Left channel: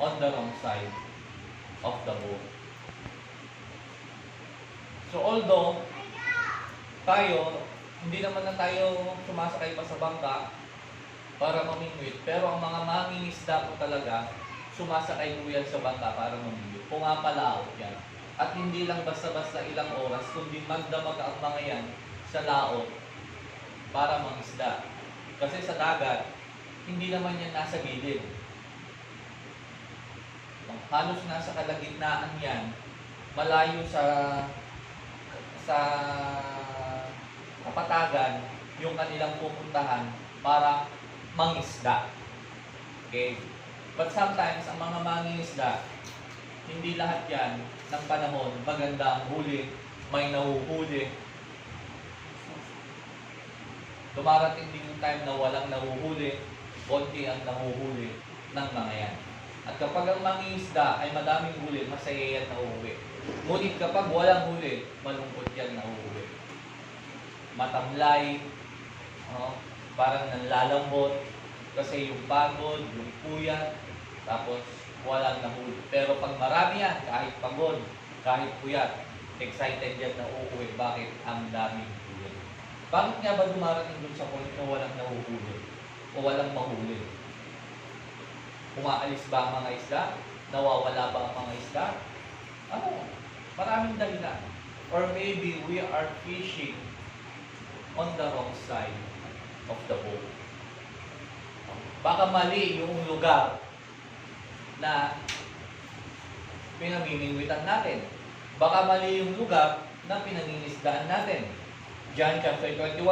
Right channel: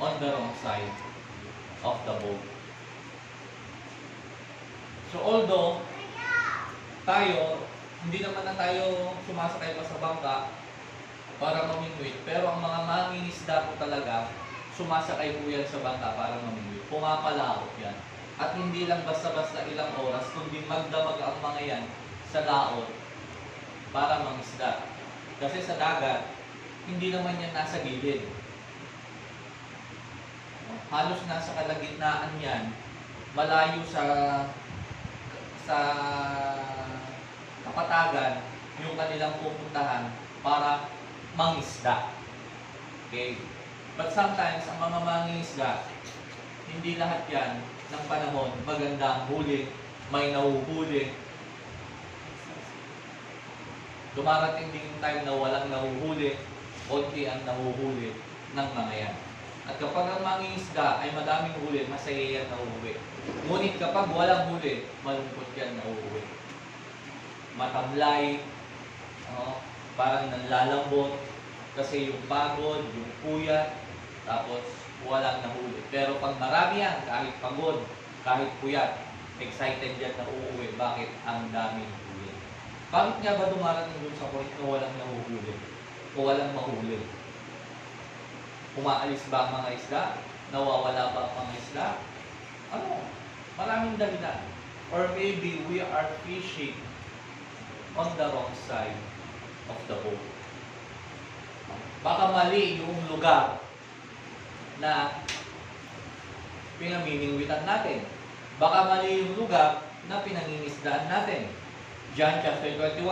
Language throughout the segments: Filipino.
on the wrong side of the boat. So although tayo, hindi naman na tayo sumasakay pa sa bangka para mamingwit, pero ang mga mangingisda po talaga, sumasakay po yan sa bangka para mamingwit. Pumapalaot yan. At hindi lang basta-basta ilang oras, kundi magdamag ang mga yan sa laot para mangisda. Kasi sa dagat, hindi naman yan nasa gilid. Halos nasa kalagitnaan yan, malayo sa kapatagan yung kanilang pupuntahan para mangisda. Okay? But sometimes, ang mga mangingisda, hindi lahat yan ng panahon maganda ang huli, may nahuhuli. Dumarating din yung time na walang nahuhuli, konti ang nahuhuli ng mga yan. At kapag ang mangingisda ay madaming huli, masaya yan nahuhuli. Ngunit kapag walang huli, malungkot yan nahuhuli. Matamlay, parang nanlalambot, kasi yung pagod, yung puyat, tapos walang nahuli. Pero pag marami yan, kahit pagod, kahit puyat, excited yan na uuwi. Bakit? Ang daming huli. Bakit nga ba dumarating dun sa point na walang nahuhuli? O walang mahuli? Umaalis ba ang mga isda? Nawawala ba ang mga isda? Maraming dahilan. Or maybe we are fishing on the wrong side of the boat. Baka mali yung lugar na pinamimingwitan natin. Baka mali yung lugar na pinangingisdaan natin. John chapter 21,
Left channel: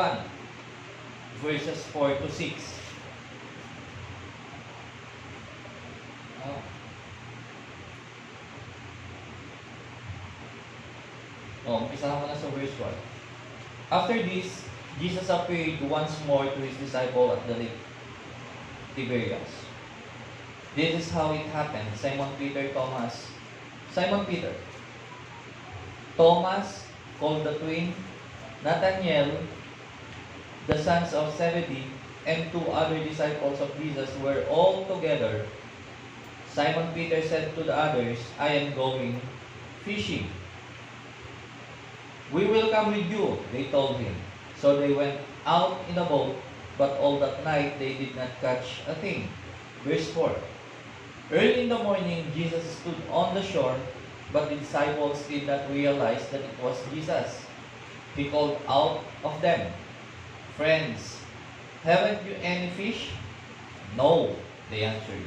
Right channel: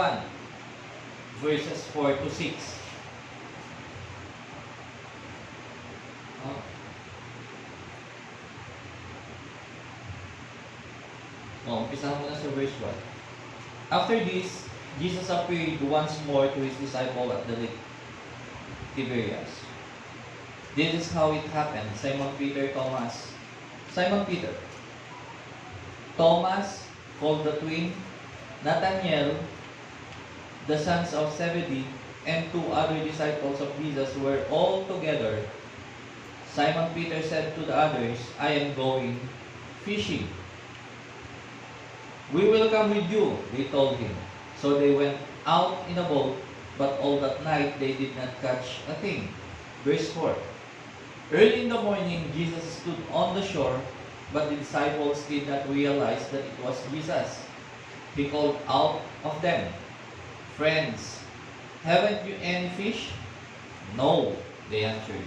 verses 4 to 6. Umpisahan mo na sa verse 1. After this, Jesus appeared once more to his disciple at the lake Tiberias. This is how it happened. Simon Peter, Thomas, called the twin, Nathanael, the sons of Zebedee, and two other disciples of Jesus were all together. Simon Peter said to the others, I am going fishing. We will come with you, they told him. So they went out in a boat, but all that night they did not catch a thing. Verse 4. Early in the morning, Jesus stood on the shore, but the disciples did not realize that it was Jesus. He called out of them, Friends, haven't you any fish? No, they answered.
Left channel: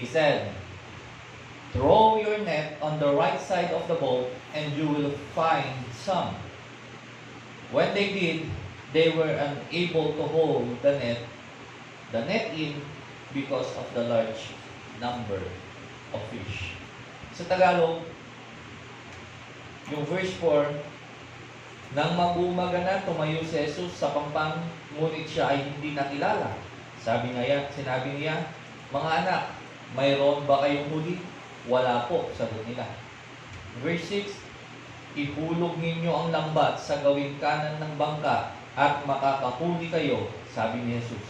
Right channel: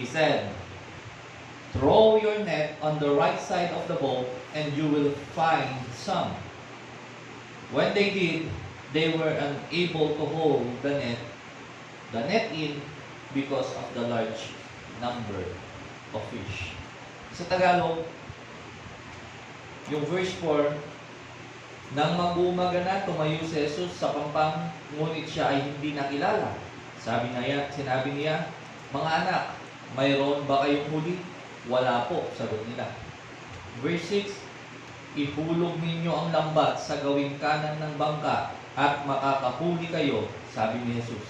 He said, Throw your net on the right side of the boat, and you will find some. When they did, they were unable to hold the net in because of the large number of fish. Sa Tagalog, yung verse 4, nang mag-umaga na, tumayo si Jesus sa pampang, ngunit siya ay hindi nakilala. Sinabi niya, mga anak, mayroon ba kayong huli? Wala po, sagot nila. Verse 6, ihulog ninyo ang lambat sa gawing kanan ng bangka at makakahuli kayo, sabi ni Jesus.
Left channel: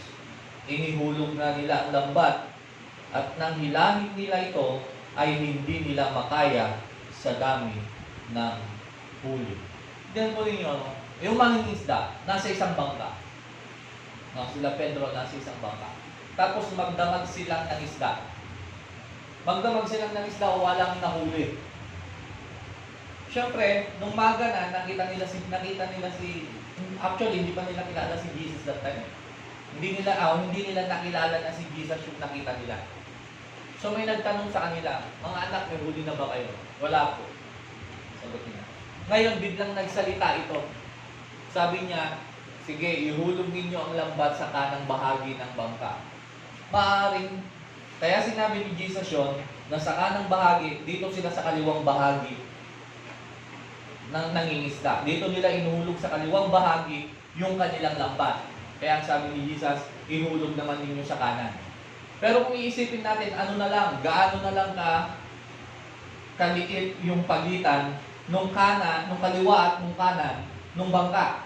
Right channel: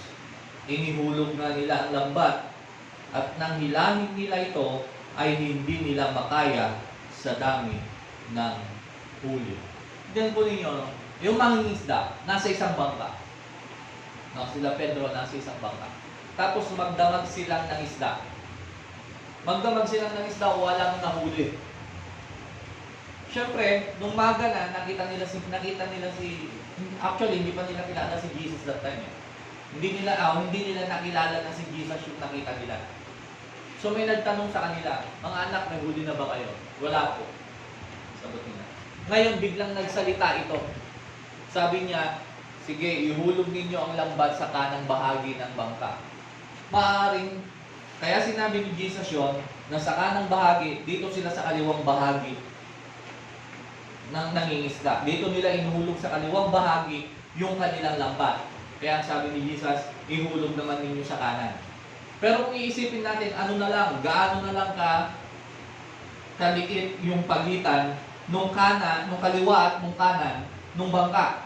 Inihulog na nila ang lambat at nang hilangin nila ito ay hindi nila makaya sa dami ng huli. Tignan po ninyo, yung mangingisda, nasa isang bangka. Sila Pedro nasa isang bangka. Tapos magdamag silang ng isda. Magdamag silang ng isda, walang nahuli. Siyempre, nung maga na, nakita nila si actually, hindi pa nila kilala si Jesus that time. Hindi nila nakilala na si Jesus yung nakita nila. So may nagtanong sa kanila, mga anak, may huli na ba kayo? Wala po. Sagot niya. Ngayon, biglang nagsalita ito. Sabi niya, sige, ihulog ninyo ang lambat sa kanang bahagi ng bangka. Maaring, kaya sinabi ni Jesus yun, na sa kanang bahagi, dito sila sa kaliwang bahagi ng nangingisda. Dito nila inuhulog sa kaliwang bahagi yung kanilang lambat. Kaya ang sabi ni Jesus, ihulog naman ninyo sa kanan. Pero kung iisipin natin, gaano na lang kaliit yung pagitan nung kaliwa at nung kanan, nung bangka.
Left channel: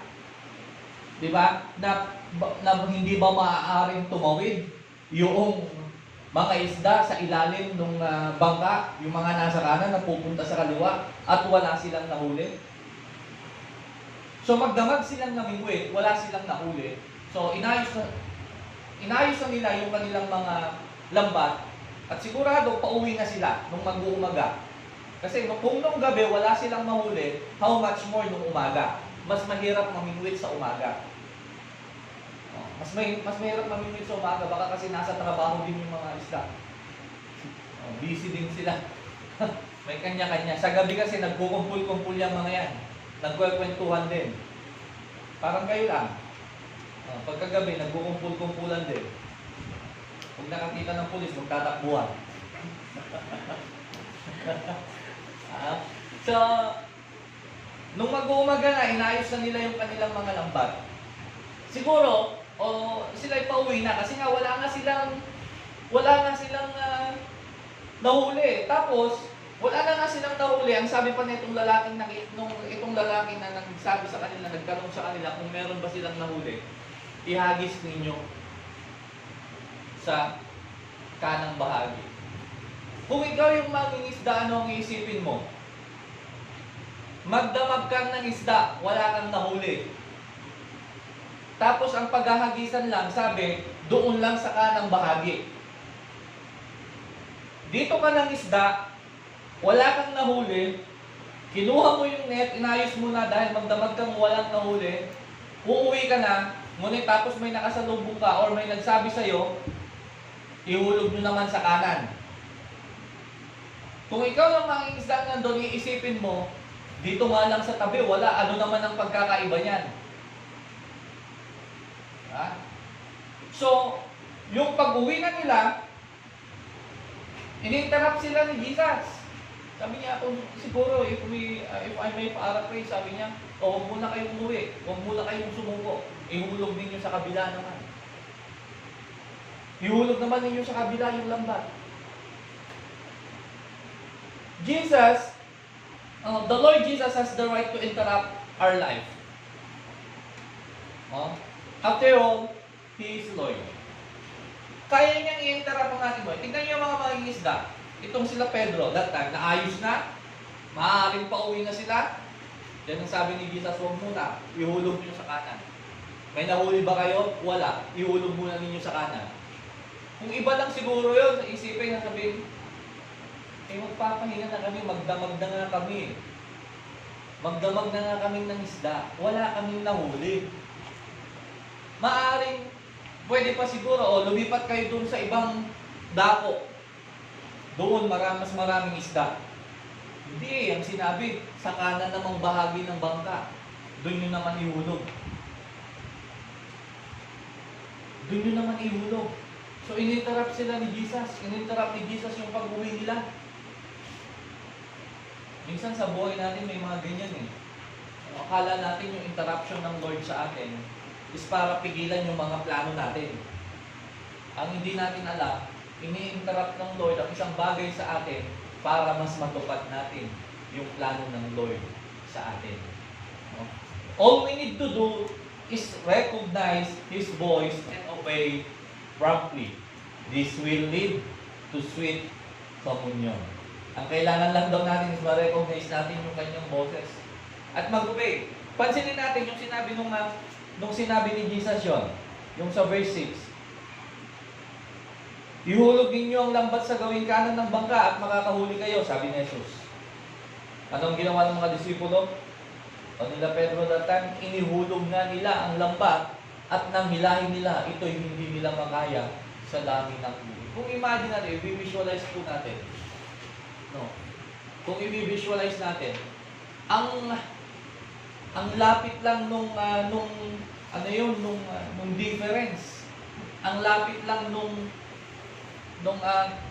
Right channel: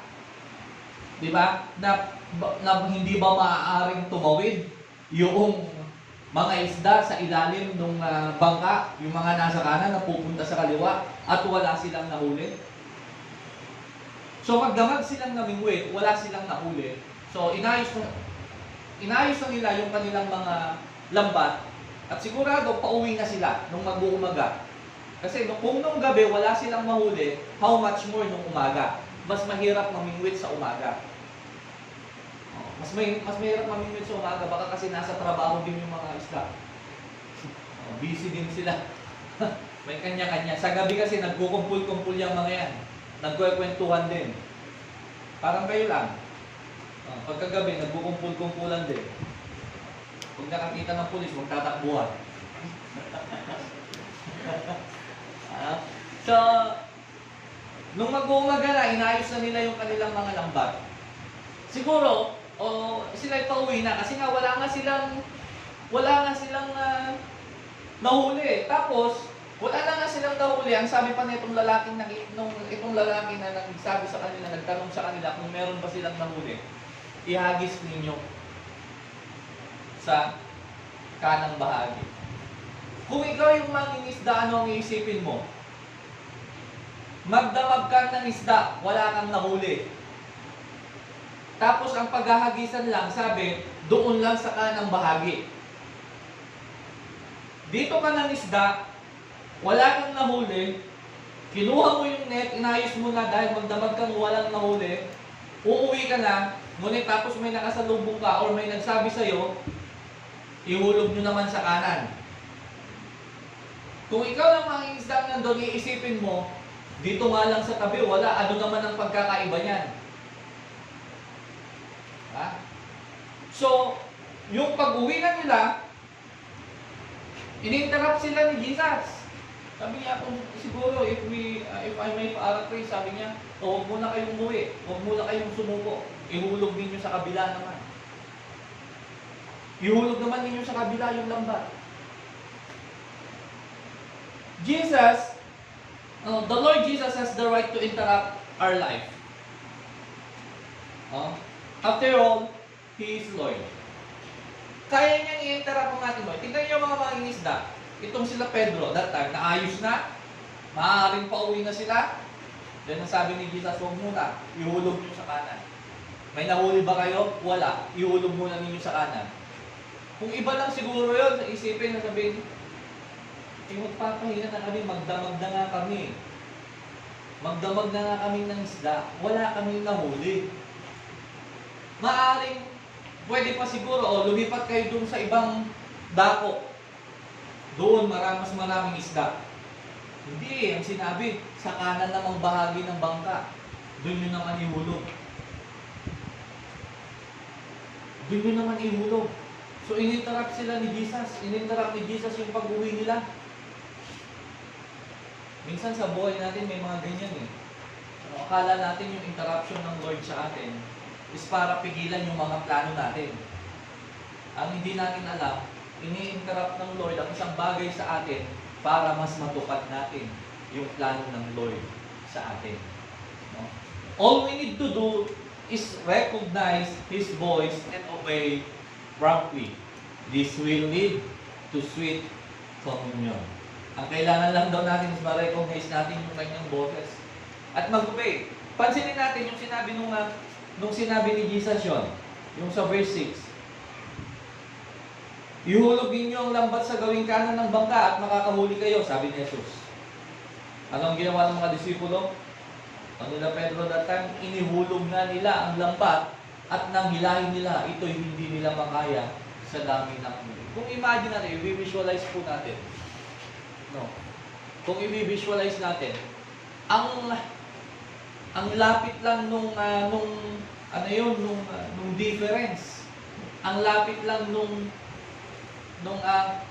Di ba? Na hindi ba maaaring tumawid yung mga isda sa ilalim ng bangka, yung mga nasa kanan na pupunta sa kaliwa, at wala silang nahuli. So magdamag silang namingwit, wala silang nahuli. So inayos na nila yung kanilang mga lambat, at sigurado pauwi na sila nung mag-uumaga. Kasi kung nung gabi wala silang mahuli, how much more nung umaga? Mas mahirap mamingwit sa umaga. Mas mahirap mamingwit sa umaga, baka kasi nasa trabaho din yung mga isda. Busy din sila. May kanya-kanya. Sa gabi kasi nagkukumpul-kumpul yung mga yan. Nagkwekwentuhan din. Parang kayo lang. Pagkagabi, nagkukumpul-kumpulan din. Kung nakakita ng pulis, magtatakbuhan. So, nung mag-uumaga na, inayos na nila yung kanilang mga lambat. Siguro, sila'y pauwi na kasi nga wala nga silang nahuli. Tapos, wala na nga silang nahuli. Ang sabi pa na itong lalaki na nagsabi sa kanila, nagtanong sa kanila kung meron ba silang nahuli, ihagis ninyo sa kanang bahagi. Kung ikaw yung mangingisda, ano ang iisipin mo? Magdamag ka ng isda, wala kang nahuli. Tapos ang paghahagisan lang, sabi, doon lang sa kanang bahagi. Dito ka ng isda, wala kang nahuli, kinuha mo yung net, inayos mo na dahil magdamag kang walang nahuli, uuwi ka na, ngunit tapos may nakasalubong ka or may nagsabi sa'yo, ihulog nyo naman sa kanan. Kung ikaw lang mangingisda nandun, iisipin mo, dito nga lang sa tabi, wala, ano naman ang pagkakaiba niyan? Ha? So, yung pag-uwi na nila, in-interrupt sila ni Jesus. Sabi niya, kung siguro, if I may paraphrase, sabi niya, huwag muna kayong umuwi, huwag muna kayong sumuko, ihulog ninyo sa kabila naman. Ihulog naman ninyo sa kabila yung lambat. Jesus, the Lord Jesus has the right to interrupt our life. After all, He is Lord. Kaya niyang i-interrupt ang ating buhay. Tingnan niyo mga mangingisda. Itong sila Pedro, that time, naayos na, maaaring pauwi na sila. Then ang sabi ni Jesus, huwag muna, ihulog niyo sa kanan. May nahuli ba kayo? Wala. Ihulog muna ninyo sa kanan. Kung iba lang siguro yun, isipin na sabihin, magpapahinga na kami, magdamag na nga kami. Magdamag na nga kami ng isda. Wala kaming nahuli. Maaring, pwede pa siguro, lumipat kayo doon sa ibang dako. Doon, mas maraming isda. Hindi ang sinabi, sa kanan namang bahagi ng bangka. Doon nyo naman ihulog. Doon nyo naman ihulog. So, in-interrupt sila ni Jesus. In-interrupt ni Jesus yung pag-uwi nila. Minsan sa buhay natin may mga ganyan eh. Akala natin yung interruption ng Lord sa atin is para pigilan yung mga plano natin. Ang hindi natin alam, ini-interrupt ng Lord ang isang bagay sa atin para mas matupad natin yung plano ng Lord sa atin. No? All we need to do is recognize His voice and obey promptly. This will lead to sweet communion. Ang kailangan lang daw natin is ma-recognize natin yung kanyang boses at mag-obey. Pansinin natin yung sinabi nung sinabi ni Jesus yun, yung sa verse 6. Ihulog ninyo ang lambat sa gawing kanan ng bangka at makakahuli kayo, sabi ni Jesus. Anong ginawa ng mga disipulo? O nila Pedro that time, inihulog na nila ang lambat at nang hilahin nila, ito'y hindi nila makaya sa dami ng huli. Kung imagine natin, i-visualize po natin. No. Kung i-visualize natin, ang lapit lang nung difference. Ang lapit lang nung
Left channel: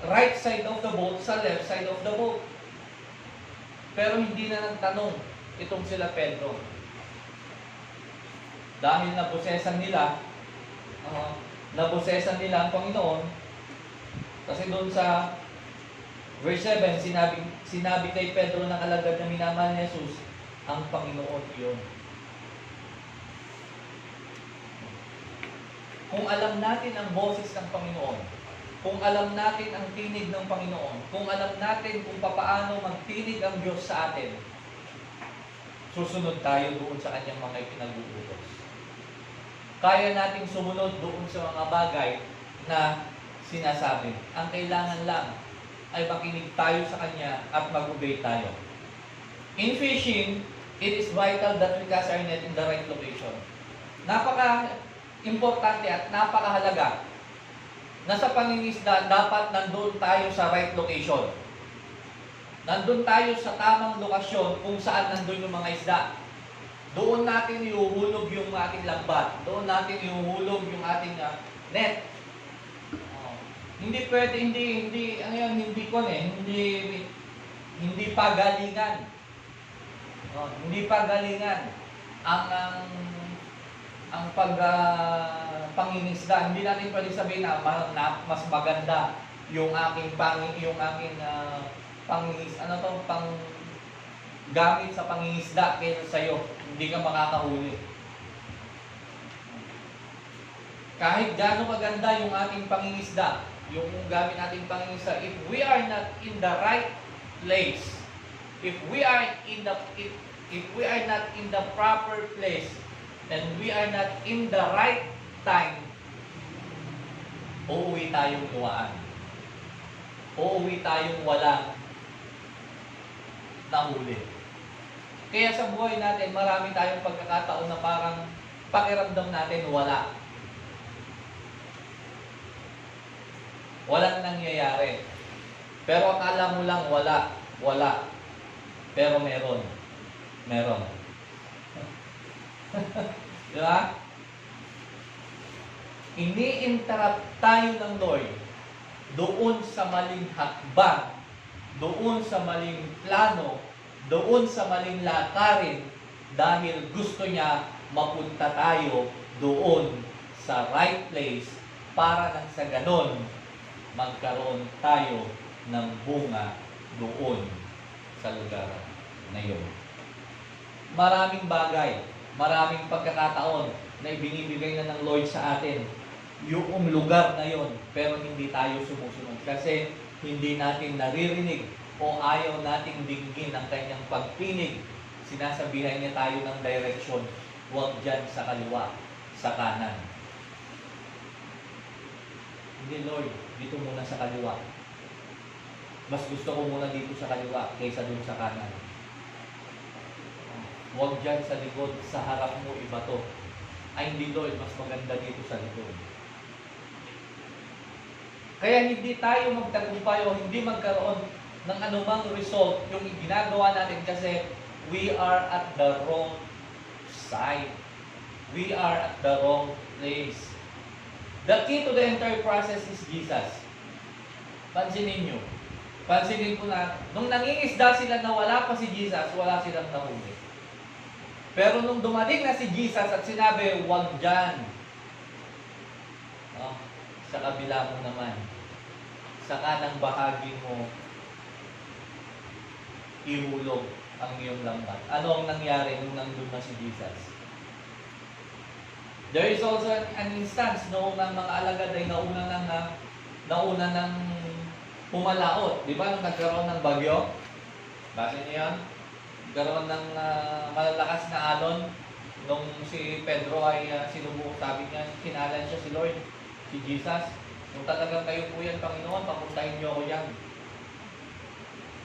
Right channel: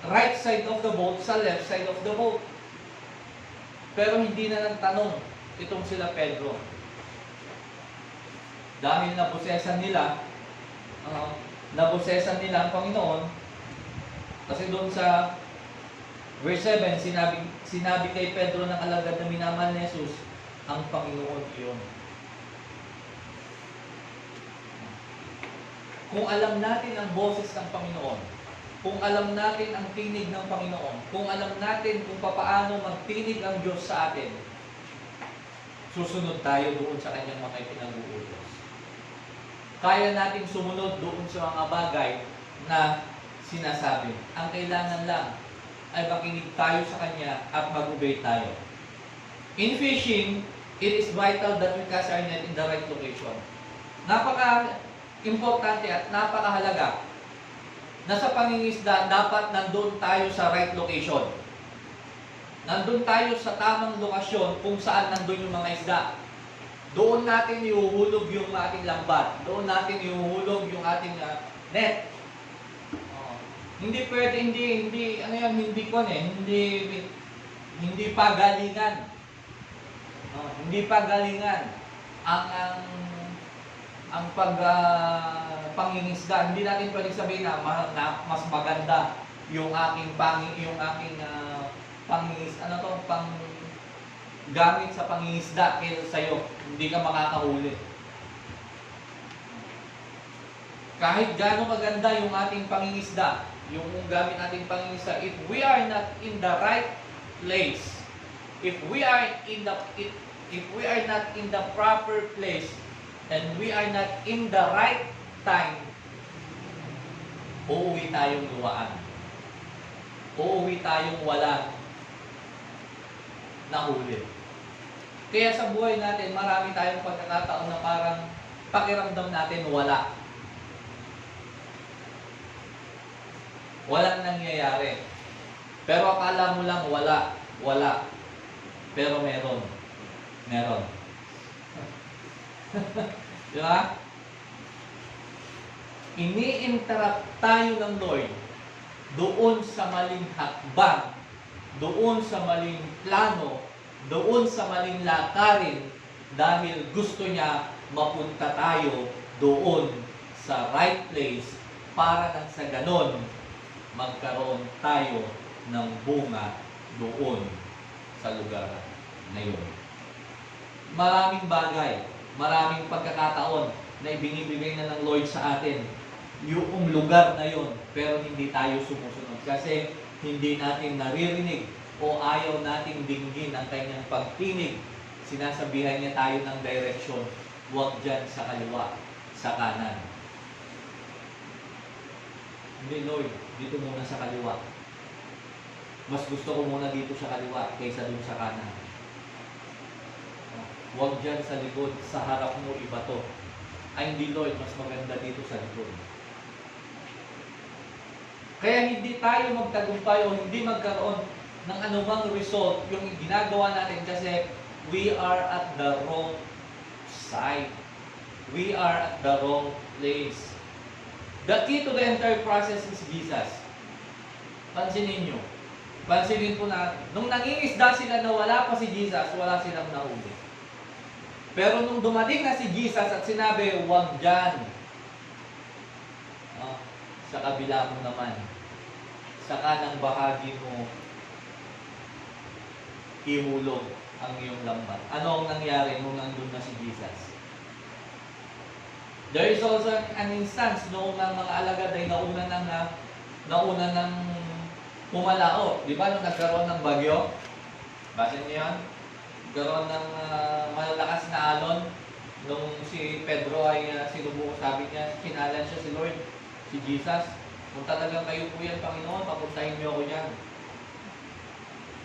right side of the boat sa left side of the boat. Pero hindi na nagtanong itong sila Pedro. Dahil naposesan nila ang Panginoon. Kasi doon sa verse 7, sinabi kay Pedro ng alagad na minamahal ni Jesus, ang Panginoon iyon. Kung alam natin ang boses ng Panginoon, kung alam natin ang tinig ng Panginoon, kung alam natin kung paano magtinig ang Diyos sa atin, susunod tayo doon sa kanyang mga ipinag-uutos. Kaya nating sumunod doon sa mga bagay na sinasabi. Ang kailangan lang ay makinig tayo sa kanya at mag-obey tayo. In fishing, it is vital that we cast our net in the right location. Napaka-importante at napakahalaga na sa pangingisda, dapat nandun tayo sa right location. Nandun tayo sa tamang lokasyon kung saan nandun yung mga isda. Doon natin ihuhulog yung ating lambat. Doon natin ihuhulog yung ating net. Hindi pwede, hindi pagalingan. Hindi pagalingan ang pangingisda. Hindi natin pwedeng sabihin na mas maganda yung aking gamit sa pangingisda kaysa sa'yo. Hindi ka makakahuli. Kahit gaano maganda yung ating pangingisda, yung gamit nating pangingisda, if we are not in the right place, if we are not in the proper place, and we are not in the right time, uuwi tayong luwaan. Uuwi tayong walang nahuli. Kaya sa buhay natin, marami tayong pagkakataon na parang pakiramdam natin wala. Walang nangyayari. Pero akala mo lang wala. Pero meron. Di ba? Ini-interrupt tayo ng Lord doon sa maling hakbang, doon sa maling plano, doon sa maling lakarin dahil gusto niya mapunta tayo doon sa right place para nang sa ganon magkaroon tayo ng bunga doon sa lugar na yun. Maraming bagay, maraming pagkakataon na ibinibigay na ng Lord sa atin yung lugar na yon, pero hindi tayo sumusunod kasi hindi natin naririnig o ayaw nating dinggin ang kanyang pagtinig. Sinasabihan niya tayo ng direksyon, huwag dyan sa kaliwa, sa kanan. Hindi, Lord, dito muna sa kaliwa. Mas gusto ko muna dito sa kaliwa kaysa dun sa kanan. Huwag dyan sa likod, sa harap mo iba to. Ay hindi, Lord, mas maganda dito sa likod. Kaya hindi tayo magtagumpay o hindi magkaroon ng anumang result yung ginagawa natin kasi we are at the wrong side. We are at the wrong place. The key to the entire process is Jesus. Pansinin po na nung nangingisda sila na wala pa si Jesus, wala silang nahuli. Pero nung dumating na si Jesus at sinabi, huwag dyan. Sa kabila mo naman, sa kanang bahagi mo, ihulog ang iyong lambat. Ano ang nangyari nung nandun na si Jesus? There is also an instance noong mga alagad ay nauna ng pumalaot. Di ba nung nagkaroon ng bagyo? Basa niyo yan? Nagkaroon ng malalakas na alon. Nung si Pedro ay sinubukan, sabi niya, kinalan siya si Lord, si Jesus. Kung talagang kayo po yan, Panginoon, papuntahin niyo ako yan.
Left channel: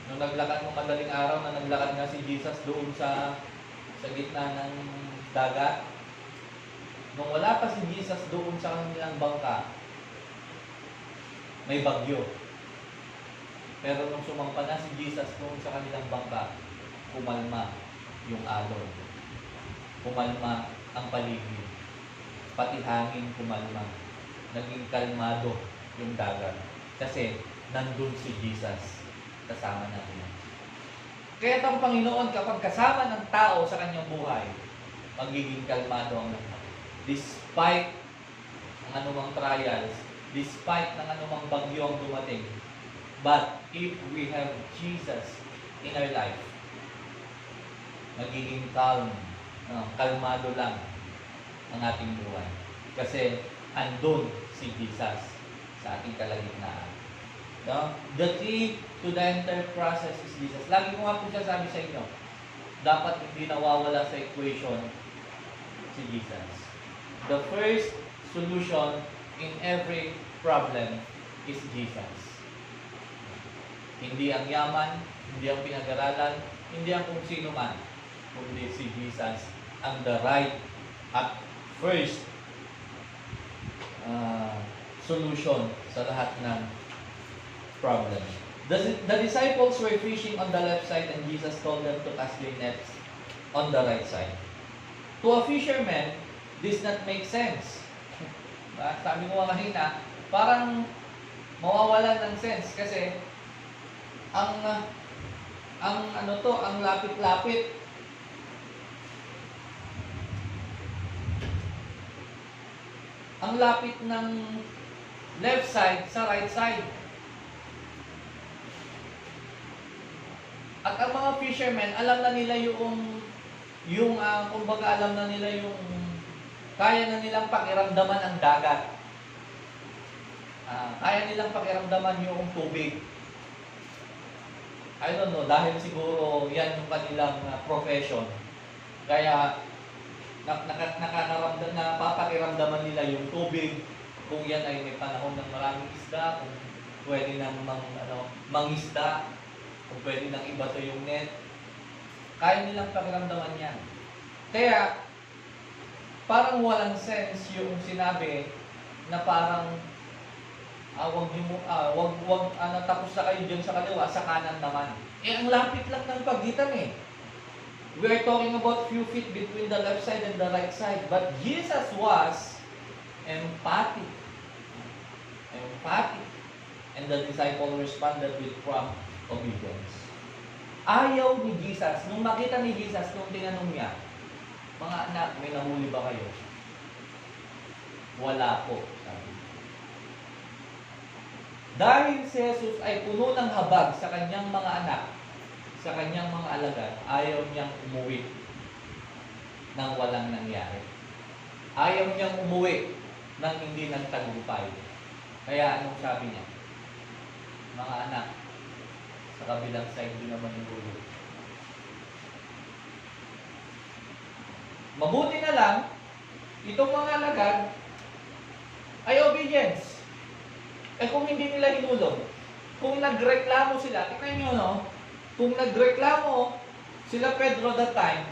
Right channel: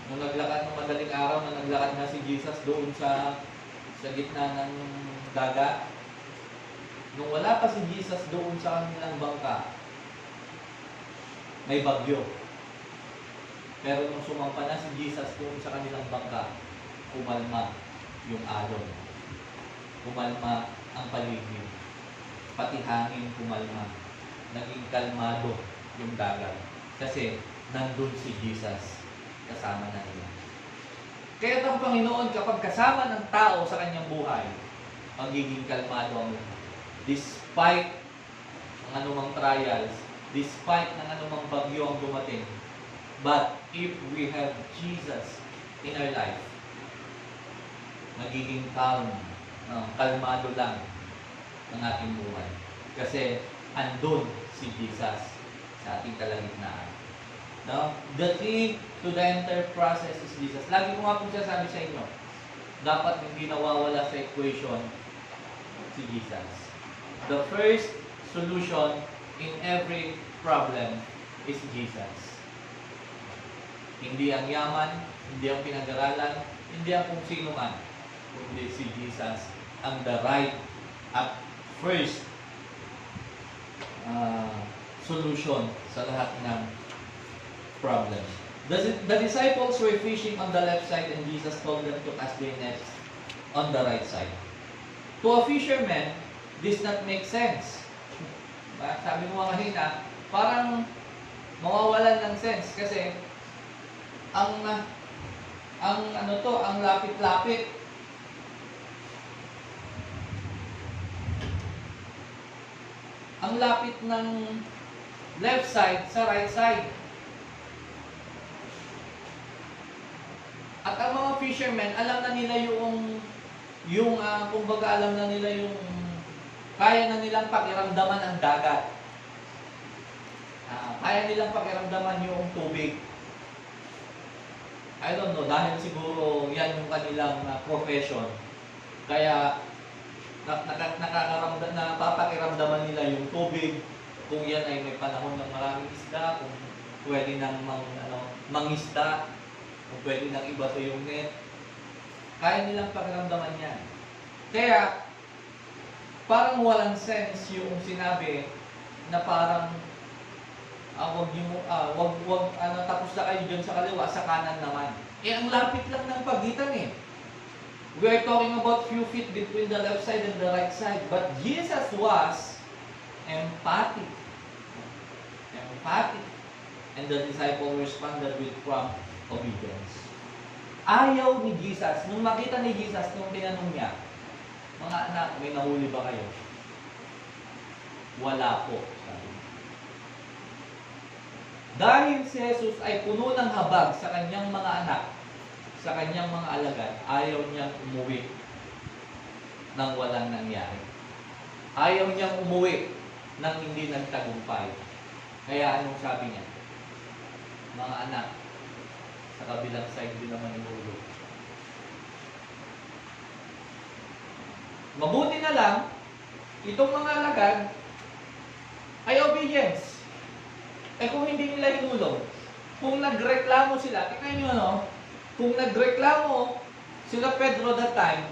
Nung naglakad ng madaling araw na naglakad nga si Jesus doon sa gitna ng dagat, nung wala pa si Jesus doon sa kanilang bangka, may bagyo. Pero nung sumampa na si Jesus doon sa kanilang bangka, kumalma yung alon. Kumalma ang paligid. Pati hangin kumalma. Naging kalmado yung dagat. Kasi nandun si Jesus kasama natin. Kaya ang Panginoon kapag kasama ng tao sa kanyang buhay, magiging kalmado ang buhay. Despite ng anumang trials, despite ng anumang bagyo ang dumating. But if we have Jesus in our life, magiging calm, kalmado lang ang ating buhay. Kasi andun si Jesus sa ating kalagitnaan. No? The key to the entire process is Jesus. Lagi ko nga po sabi sa inyo, dapat hindi nawawala sa equation si Jesus. The first solution in every problem is Jesus. Hindi ang yaman, hindi ang pinag-aralan, hindi ang kung sino man, kundi si Jesus ang the right at first solution sa lahat ng problem. The disciples were fishing on the left side and Jesus told them to cast their nets on the right side. To a fisherman, this not make sense. Sabi mo kanina, parang mawawalan ng sense kasi ang lapit-lapit. Ang lapit ng left side sa right side. At ang mga fishermen, alam na nila kumbaga alam na nila yung kaya na nilang pakiramdaman ang dagat. Kaya nilang pakiramdaman yung tubig. I don't know, dahil siguro yan yung kanilang profession. Kaya napapakiramdaman nila yung tubig, kung yan ay may panahon ng maraming isda, kung pwede nang mangisda, kung pwede nang ibato yung net. Kaya nilang pakiramdaman yan. Kaya, parang walang sense yung sinabi na parang tapos na kayo dyan sa kaliwa, sa kanan naman. Ang lapit lang ng pagitan eh. We are talking about few feet between the left side and the right side. But Jesus was emphatic. And the disciple responded with prompt obedience. Ayaw ni Jesus, nung makita ni Jesus, nung tinanong niya, mga anak, may nahuli ba kayo? Wala po, sabi. Dahil si Jesus ay puno ng habag sa kanyang mga anak, sa kanyang mga alagad, ayaw niyang umuwi nang walang nangyari. Ayaw niyang umuwi nang hindi nagtagumpay. Kaya anong sabi niya? Mga anak, sa kabilang side din naman umuwi. Mabuti na lang, itong mga alagad ay obedience. Kung hindi nila hinulong, kung nagreklamo sila, tingnan nyo, no? Kung nagreklamo sila Pedro that time,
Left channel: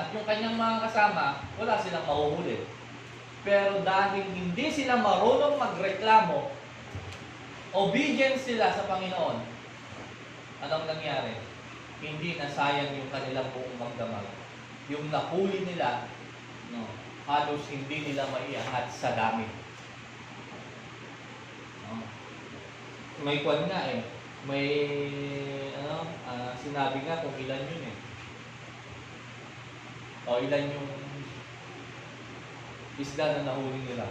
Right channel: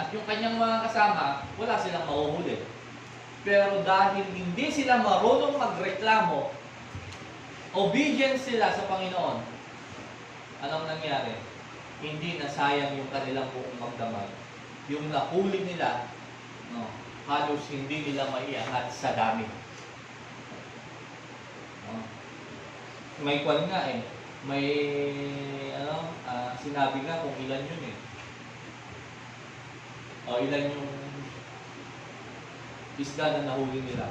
at yung kanyang mga kasama, wala silang mahuhuli. Pero dahil hindi sila marunong magreklamo, obedience sila sa Panginoon, anong nangyari? Hindi nasayang yung kanilang buong magdamag. Yung nahuli nila, no, halos hindi nila maiangat sa dami. No? May kwan nga eh. May sinabi nga kung ilan yun eh. O ilan yung isda na nahuli nila.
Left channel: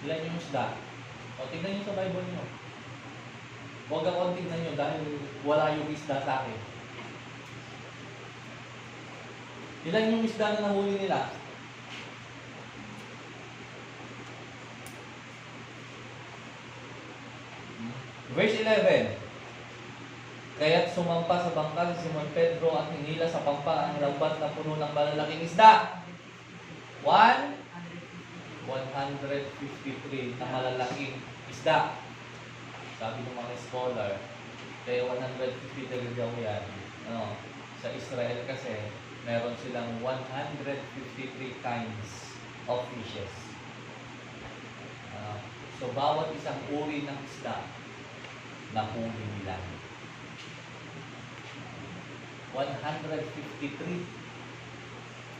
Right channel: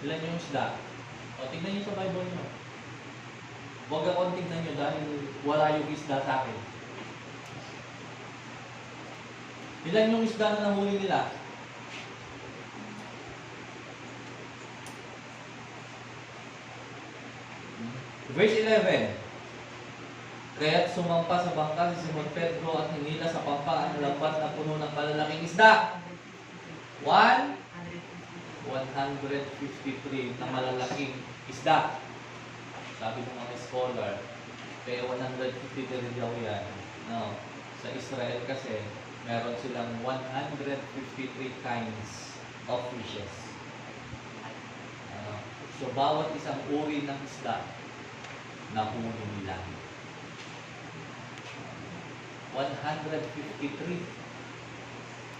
Ilan yung isda? O tingnan nyo sa Bible nyo. Huwag akong tingnan nyo dahil wala yung isda sa akin. Ilan yung isda na nahuli nila? Verse 11. Kaya't sumampa sa bangka si Simon Pedro at hinila sa pampa ang lambat na puno ng malalaking isda. 153 na malalaking isda. Sabi ng mga scholar, kaya 153 daw yan. No, sa Israel kasi, meron silang 153 kinds of fishes. So, bawat isang uri ng isda, nahuli nila. 153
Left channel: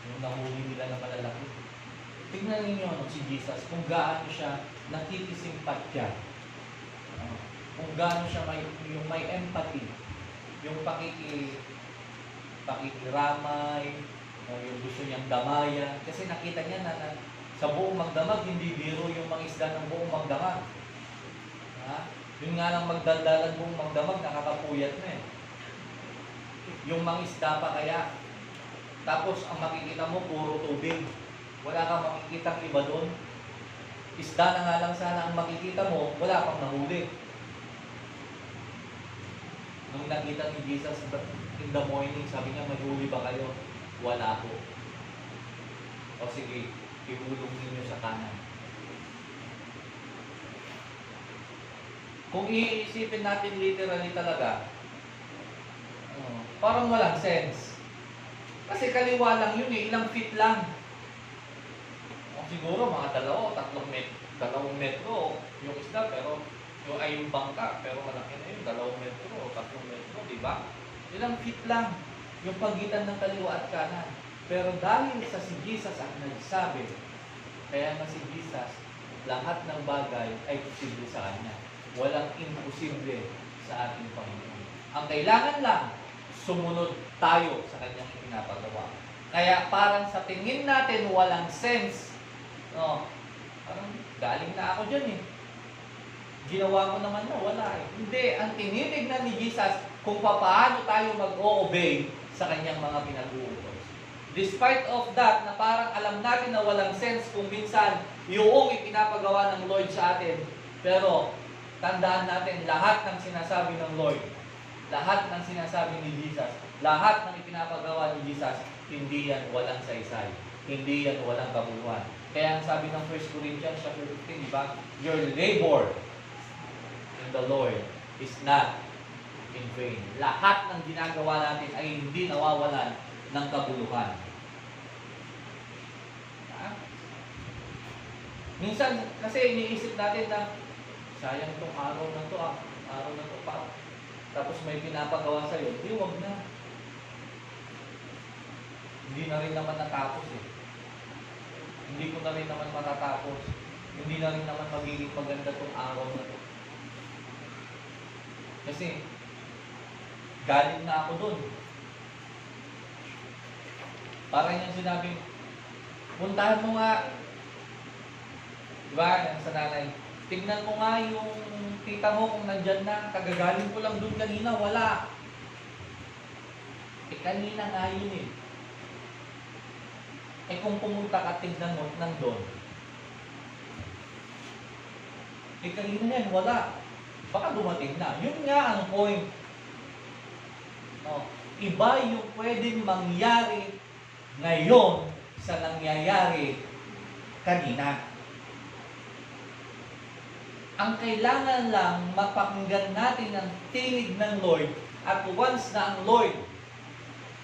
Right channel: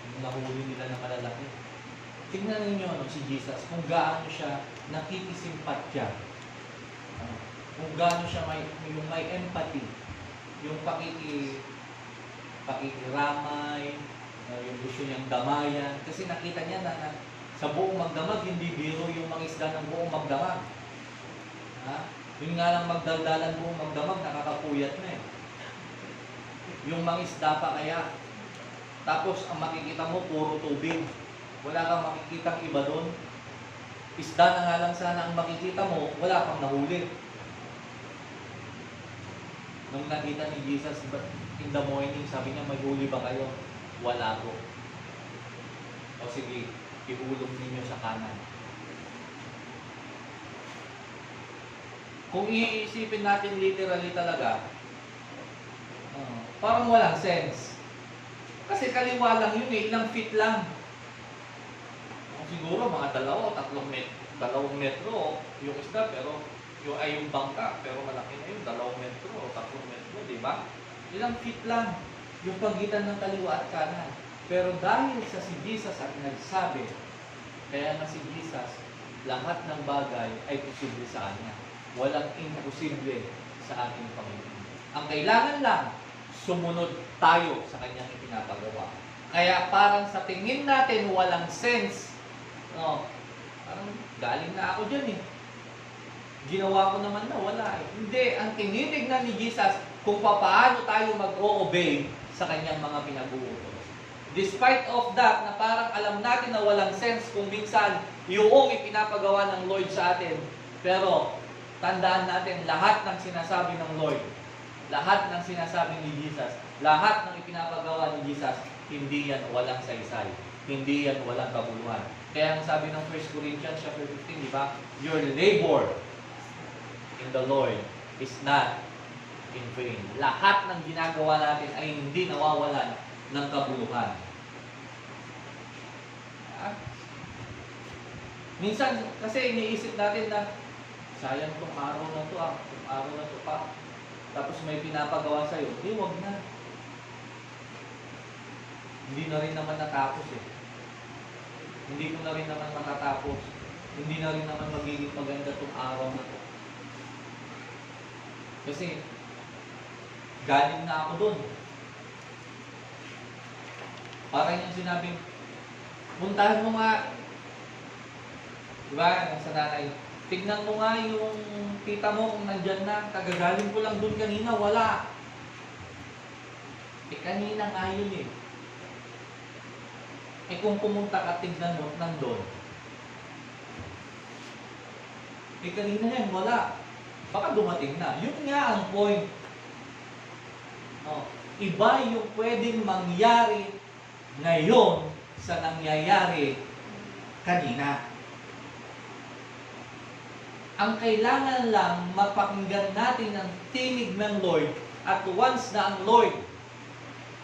yung nahuli nila na malalaki. Tingnan ninyo si Jesus, kung gaano siya nakikisimpatya. Kung gaano siya may empathy, yung pakikiramay, yung gusto niyang damayan. Kasi nakita niya na sa buong magdamag, hindi biro yung mangisda ng buong magdamag. Yun nga lang magdaldalan buong magdamag, nakakapuyat na eh. Yung mangisda pa kaya, Tapos ang makikita mo, puro tubig. Wala kang makikitang iba doon. Isda na nga lang sana ang makikita mo, wala pang nahuli. Nung nakita ni Jesus in the morning, sabi niya, may huli ba kayo? Wala po. O sige, ihulog ninyo sa kanan. Kung iisipin natin literally talaga, parang walang sense. Kasi kaliwa lang yun eh, ilang feet lang. Siguro mga 2 metro yung isda, pero yung bangka, pero malaki na yun, 2 metro, 3 metro, di ba? Ilang feet lang yung pagitan ng kaliwa at kanan. Pero dahil sa si Jesus ang nagsabi, kaya na si Jesus, lahat ng bagay ay posible sa Kanya. Walang imposible sa ating Panginoon. Ang kailangan lang, sumunod tayo sa Kanyang ipinapagawa. Kaya parang sa tingin natin walang sense. No, parang galing na ako dyan eh. Ginawa ko naman na, wala eh. Hindi, ang tinitignan ni Jesus kung paano tayo mag-o-obey sa Kanyang mga pinag-uutos. Despite of that, na parang alam natin na walang sense kung minsan yung ipinapagawa ng Lord sa atin. Pero, tandaan natin, lahat ng sinasabi ng Lord, lahat ng sinasabi ni Jesus, lahat ng ipinapagawa ni Jesus, hindi yan walang saysay. Hindi yan walang kabuluhan. Kaya ang sabi ng 1 Corinthians chapter 15, di ba? Your labor in the Lord is not in vain. Lahat ng ginagawa natin ay hindi nawawalan ng kabuluhan. Minsan, kasi iniisip natin na sayang tong araw na to, araw na to pa. Tapos may pinapagawa sa'yo, wag na. Hindi na rin naman natapos eh. Hindi ko na rin naman matatapos. Hindi na rin naman magiging maganda tong araw na to. Kasi, galing na ako dun. Parang yung sinabing, puntahan mo nga, diba, sa nanay, tignan mo nga yung tita mo kung nandyan na, kagagaling ko lang dun kanina, wala. Kanina nga yun eh. Kung pumunta ka, tignan mo, nandun. Kanina yan, wala. Baka dumating na. Yun nga ang point. Iba yung pwedeng mangyari ngayon sa nangyayari kanina. Ang kailangan lang mapakinggan natin ang tinig ng Lord, at once na ang Lord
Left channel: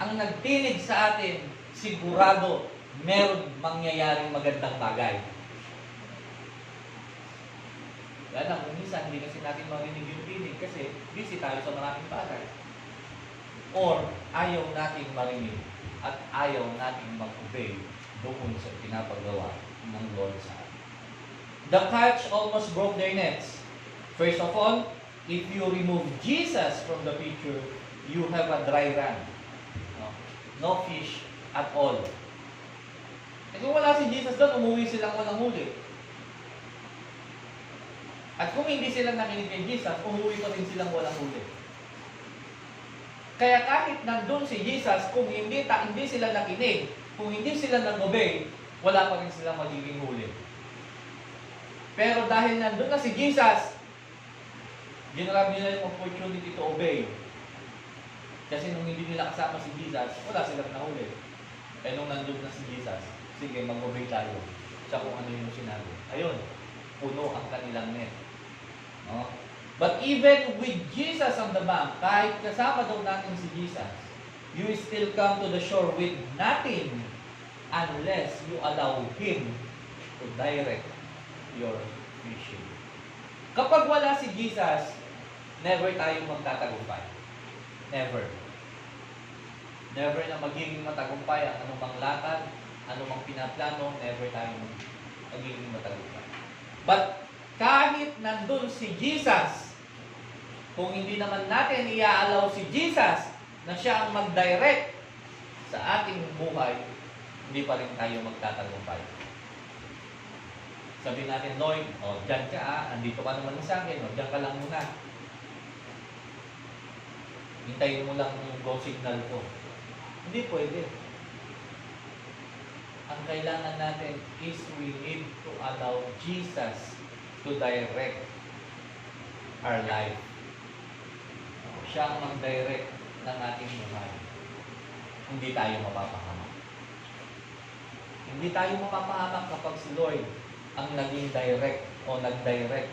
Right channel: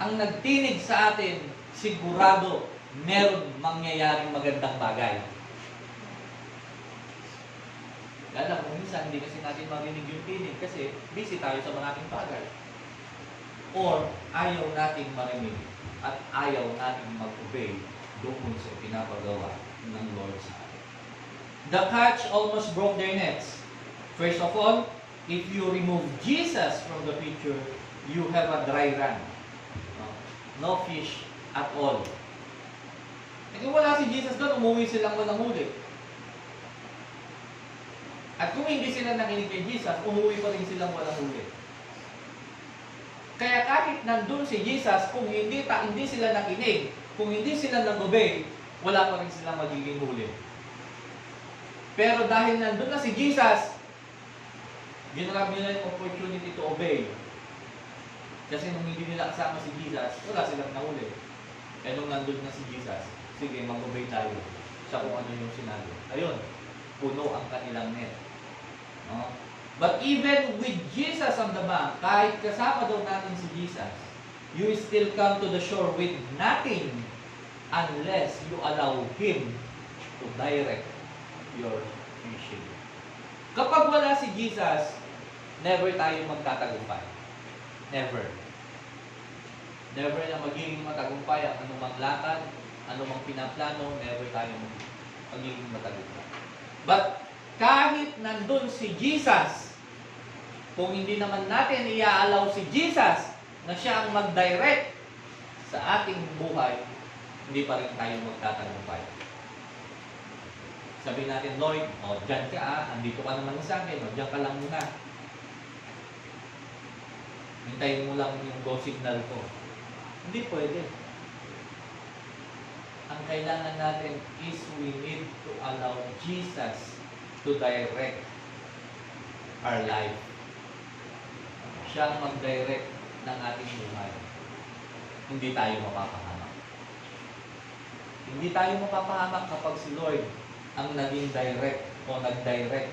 ang nagtinig sa atin, sigurado meron mangyayaring magandang bagay. Kaya lang, minsan hindi kasi natin marinig yung tinig kasi busy tayo sa maraming bagay. Or ayaw nating marinig at ayaw nating mag-obey doon sa pinapagawa ng Lord sa atin. The catch almost broke their nets. First of all, if you remove Jesus from the picture, you have a dry run. No fish at all. Kung wala si Jesus doon, umuwi silang walang huli. At kung hindi sila nakinig kay Jesus, umuwi pa rin silang walang huli. Kaya kahit nandun si Jesus, kung hindi sila nakinig, kung hindi sila nag-obey, wala pa rin silang magiging huli. Pero dahil nandun na si Jesus, ginrab nila yung opportunity to obey. Kasi nung hindi nila kasama si Jesus, wala silang nahuli. Kaya nung nandun na si Jesus, sige, mag-obey tayo sa kung ano yung sinabi. Ayun, puno ang kanilang net. No? But even with Jesus on the bank, kahit kasama daw natin si Jesus, you still come to the shore with nothing unless you allow Him to direct your fishing. Kapag wala si Jesus, never tayo magtatagumpay. Never. Never na magiging matagumpay ang anumang lakad, anumang pinaplano, never tayo magiging matagumpay. But kahit nandun si Jesus, kung hindi naman natin i-allow si Jesus na siya ang mag-direct sa ating buhay, hindi pa rin tayo magtatagumpay. Sabihin natin, Lord, dyan ka andito ka naman sa akin, dyan ka lang muna. Hintayin mo lang yung go signal ko. Hindi pwede. ang kailangan natin is we need to allow Jesus to direct our life. Siya ang mag-direct ng ating buhay. Hindi tayo mapapahamak. Hindi tayo mapapahamak kapag si Lord ang naging direct o nag-direct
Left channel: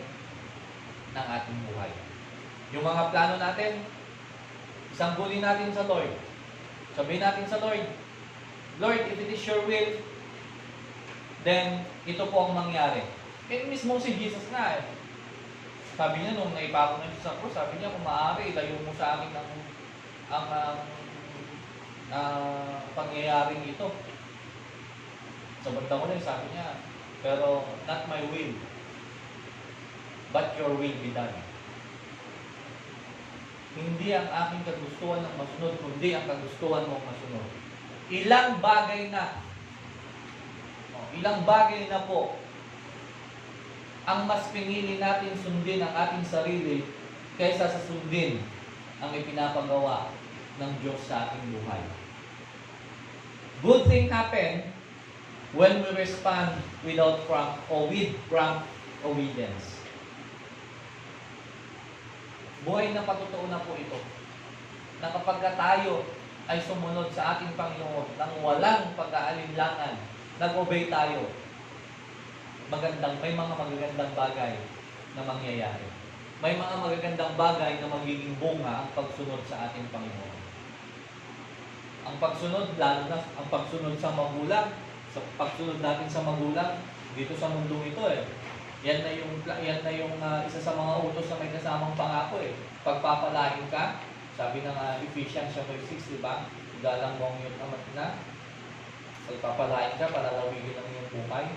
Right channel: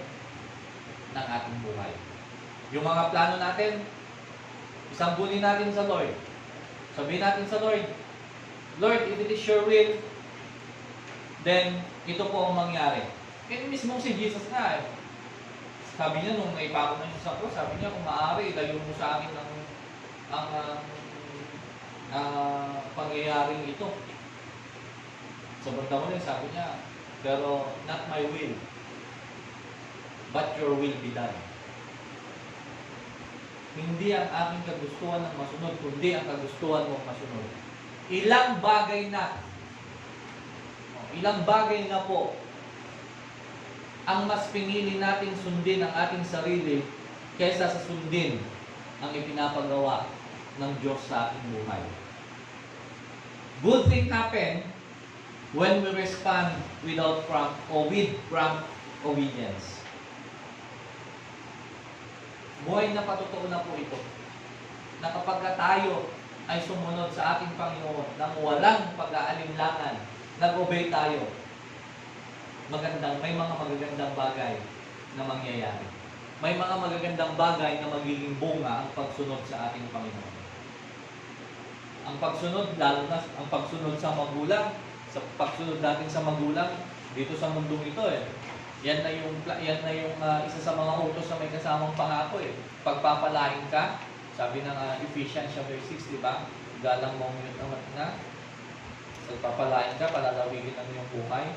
ng ating buhay. Yung mga plano natin, isanggunin natin sa Lord. Sabihin natin sa Lord, Lord, if it is your will, then ito po ang mangyari. And mismo si Jesus nga eh. Sabi niya nung naipako na siya sa cross, sabi niya kung maaari, ilayo mo sa akin ang pangyayaring ito. Sa banda mo rin, sabi niya, pero not my will, but your will be done. Hindi ang aking kagustuhan ng masunod, kundi ang kagustuhan mong masunod. Ilang bagay na po ang mas pinili natin sundin ang ating sarili kaysa sa sundin ang ipinapagawa ng Diyos sa ating buhay. Good thing happen when we respond with prompt obedience. Buhay na patotoo na po ito, na kapag tayo ay sumunod sa ating Panginoon nang walang pag-aalinlangan, nag-obey tayo, may mga magagandang bagay na mangyayari. May mga magagandang bagay na magiging bunga ang pagsunod sa ating Panginoon. Ang pagsunod, lalo na ang pagsunod sa magulang, sa pagsunod natin sa magulang dito sa mundong ito eh. Yan na yung isa sa mga utos na may kasamang pangako eh. Pagpapalain ka, sabi ng Ephesians chapter 6, di ba? Galang mo ang iyong amat na. Pagpapalain ka, palalawigin ang iyong buhay.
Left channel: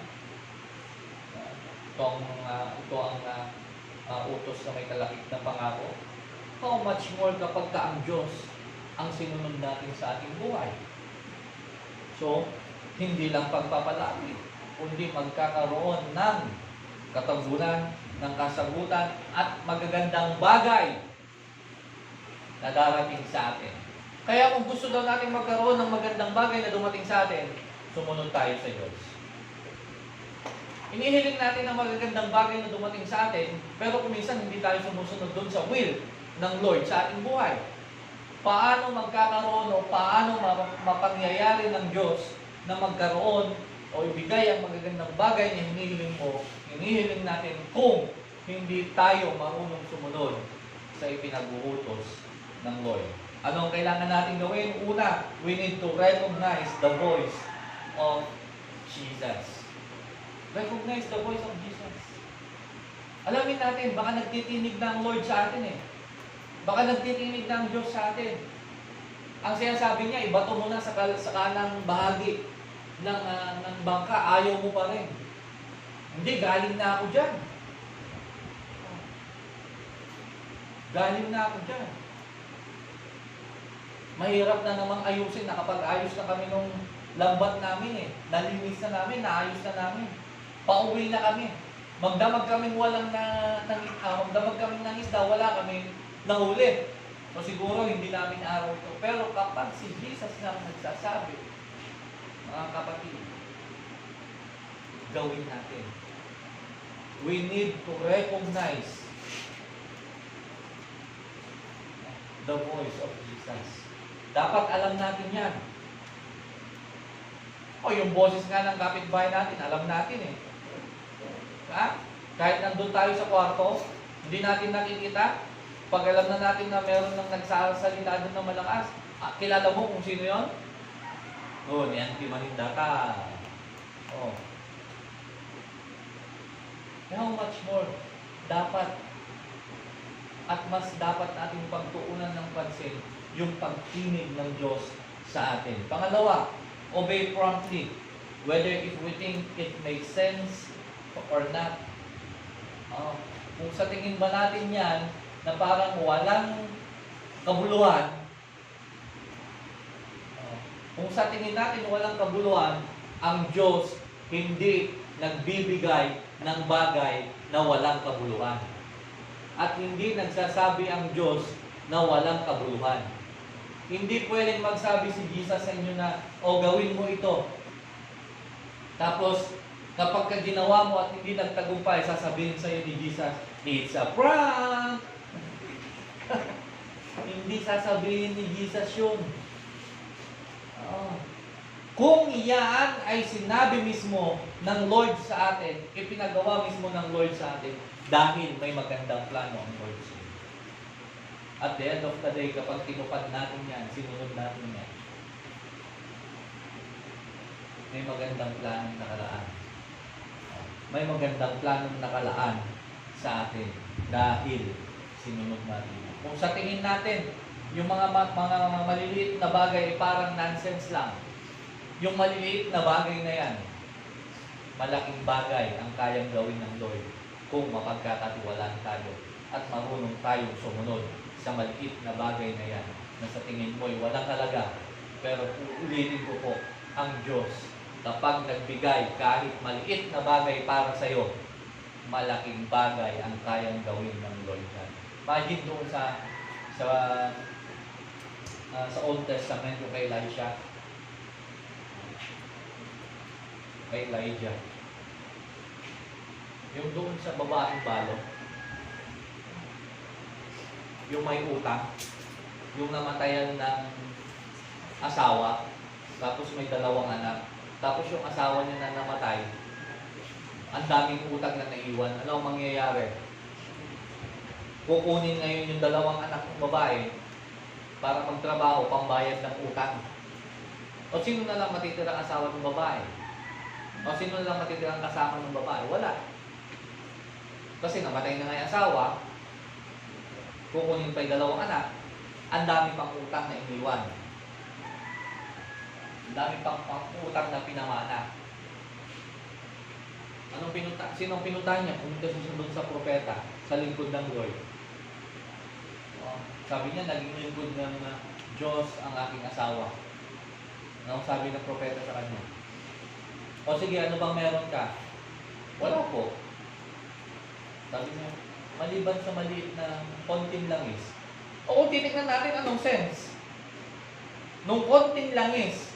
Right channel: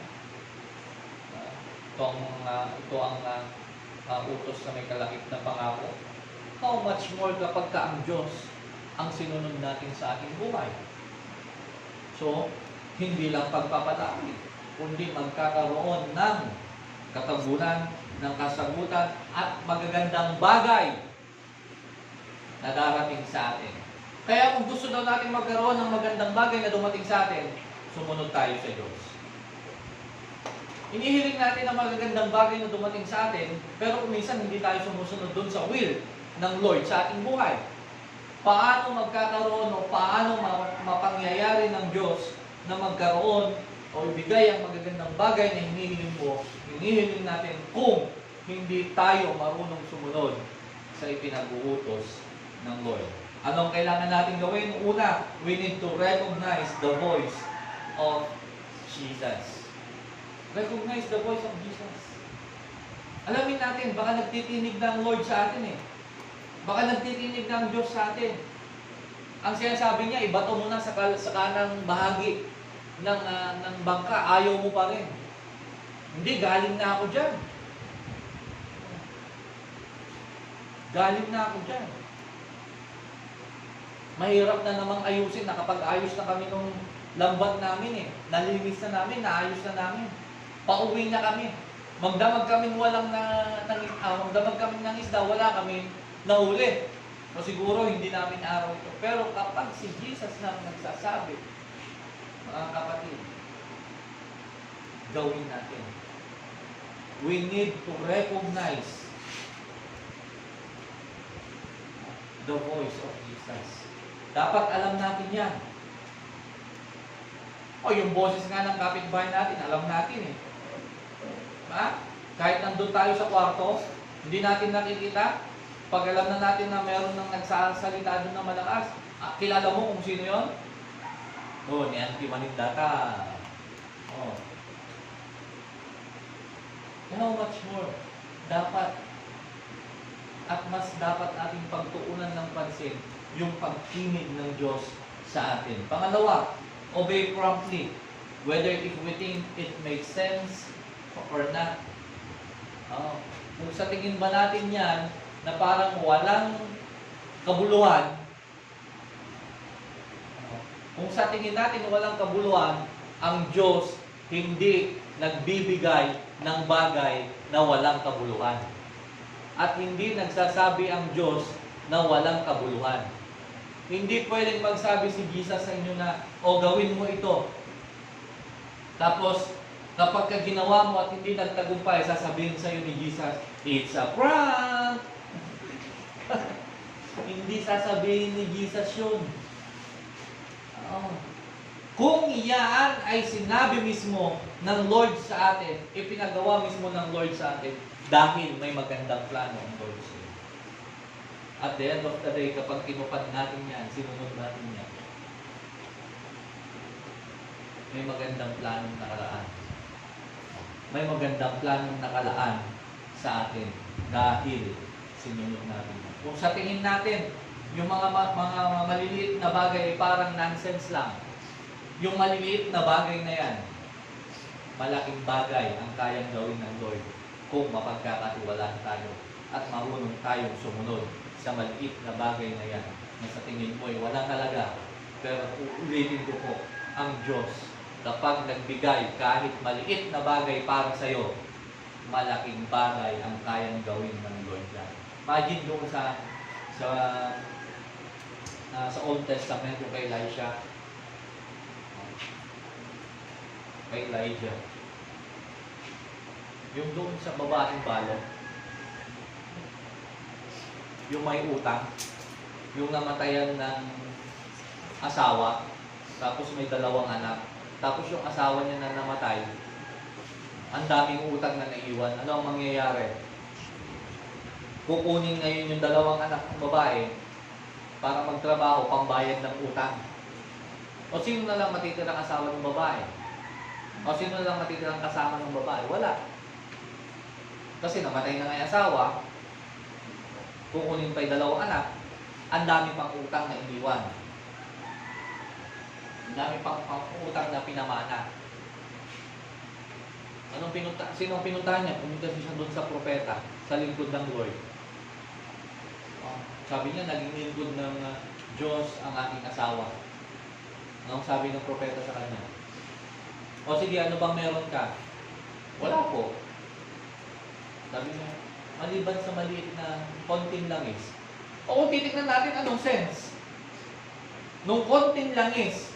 Ito ang utos na may kalakip na pangako. How much more kapag ka ang Diyos ang sinunod natin sa ating buhay? So, hindi lang pagpapalaki, kundi magkakaroon ng katagunan, ng kasagutan, at magagandang bagay na darating sa atin. Kaya kung gusto daw natin magkaroon ng magandang bagay na dumating sa atin, sumunod tayo sa Diyos. Inihiling natin ang magagandang bagay na dumating sa atin, pero kung minsan hindi tayo sumusunod doon sa will ng Lord sa ating buhay. Paano magkakaroon o paano mapangyayari ng Diyos na magkaroon o ibigay ang magagandang bagay na hinihiling mo, hinihiling natin kung hindi tayo marunong sumunod sa ipinag-uutos ng Lord. Ano ang kailangan natin gawin? Una, we need to recognize the voice of Jesus. Recognize the voice of Jesus. Alamin natin, baka nagtitinig na ang Lord sa atin eh. Baka nagtitinig na ang Diyos sa atin. Ang sinasabi niya, ibato mo na sa kanang bahagi ng bangka, ayaw mo pa rin. Hindi, galing na ako dyan. Galing na ako dyan. Mahirap na namang ayusin, nakapag-ayos na kami nung lambat namin eh. Nalinis na namin, naayos na namin. Pauwi na kami. Magdamag kami magdamag kami ng isda, wala kami nahuli. O siguro hindi namin araw ito. Pero kapag si Jesus na nagsasabi, mga kapatid, gawin natin. We need to recognize the voice of Jesus. Dapat alam natin yan. O yung boses nga ng kapitbahay natin, alam natin eh. Ha? Kahit nandun tayo sa kwarto, hindi natin nakikita. Pag alam na natin na meron nang nagsasalita doon na malakas, kilala mo kung sino yon? Oh, ni Auntie Maninda ka. Oh. How much more dapat at mas dapat nating pagtuunan ng pansin yung pagkinig ng Diyos sa atin. Pangalawa, obey promptly, whether if we think it makes sense or not. Kung sa tingin ba natin yan na parang walang kabuluhan, kung sa tingin natin walang kabuluhan, ang Diyos hindi nagbibigay ng bagay na walang kabuluhan. At hindi nagsasabi ang Diyos na walang kabuluhan. Hindi pwedeng magsabi si Jesus sa inyo na, o gawin mo ito. Tapos, kapag ka ginawa mo at hindi nagtagumpay, sasabihin sa'yo ni Jesus, it's a prank! Hindi sasabihin ni Jesus yun. Kung iyan ay sinabi mismo ng Lord sa atin, ipinagawa mismo ng Lord sa atin, dahil may magandang plano ang Lord sa iyo. At the end of the day, kapag tinupad natin yan, sinunod natin yan, may magandang planong nakalaan. May magandang planong nakalaan sa atin dahil sinunod natin. Kung sa tingin natin, yung mga maliliit na bagay ay parang nonsense lang. Yung maliliit na bagay na yan, malaking bagay ang kayang gawin ng Lord kung mapagkakatiwalaan tayo at marunong tayong sumunod sa maliit na bagay na yan na sa tingin mo ay walang halaga. Pero uulitin ko po, ang Diyos, kapag nagbigay kahit maliit na bagay para sa iyo, malaking bagay ang kayang gawin ng Lord yan. Imagine doon sa Old Testament kay Elisha, kay Elijah. Yung doon sa babaeng balo, yung may utang, yung namatayan ng asawa, tapos may 2 anak, tapos yung asawa niya na namatay, ang daming utang na naiwan. Ano ang mangyayari? Kukunin ngayon yung 2 anak ng babae para magtrabaho, pambayad ng utang. O sino na lang matitirang asawa ng babae? O sino lang matitirang kasama ng babae? Wala. Kasi namatay na nga yung asawa, kukunin pa yung 2 anak, ang dami pang utang na iniwan. Ang dami pang utang na pinamana. Sinong pinuntahan niya? Pumunta siya doon sa propeta, sa lingkod ng Lord. Sabi niya, naging lingkod ng Diyos ang aking asawa. Anong sabi ng propeta sa kanya? O sige, ano bang meron ka? Wala po. Sabi niya, maliban sa maliit na konting langis. O titignan natin anong sense. Nung konting langis.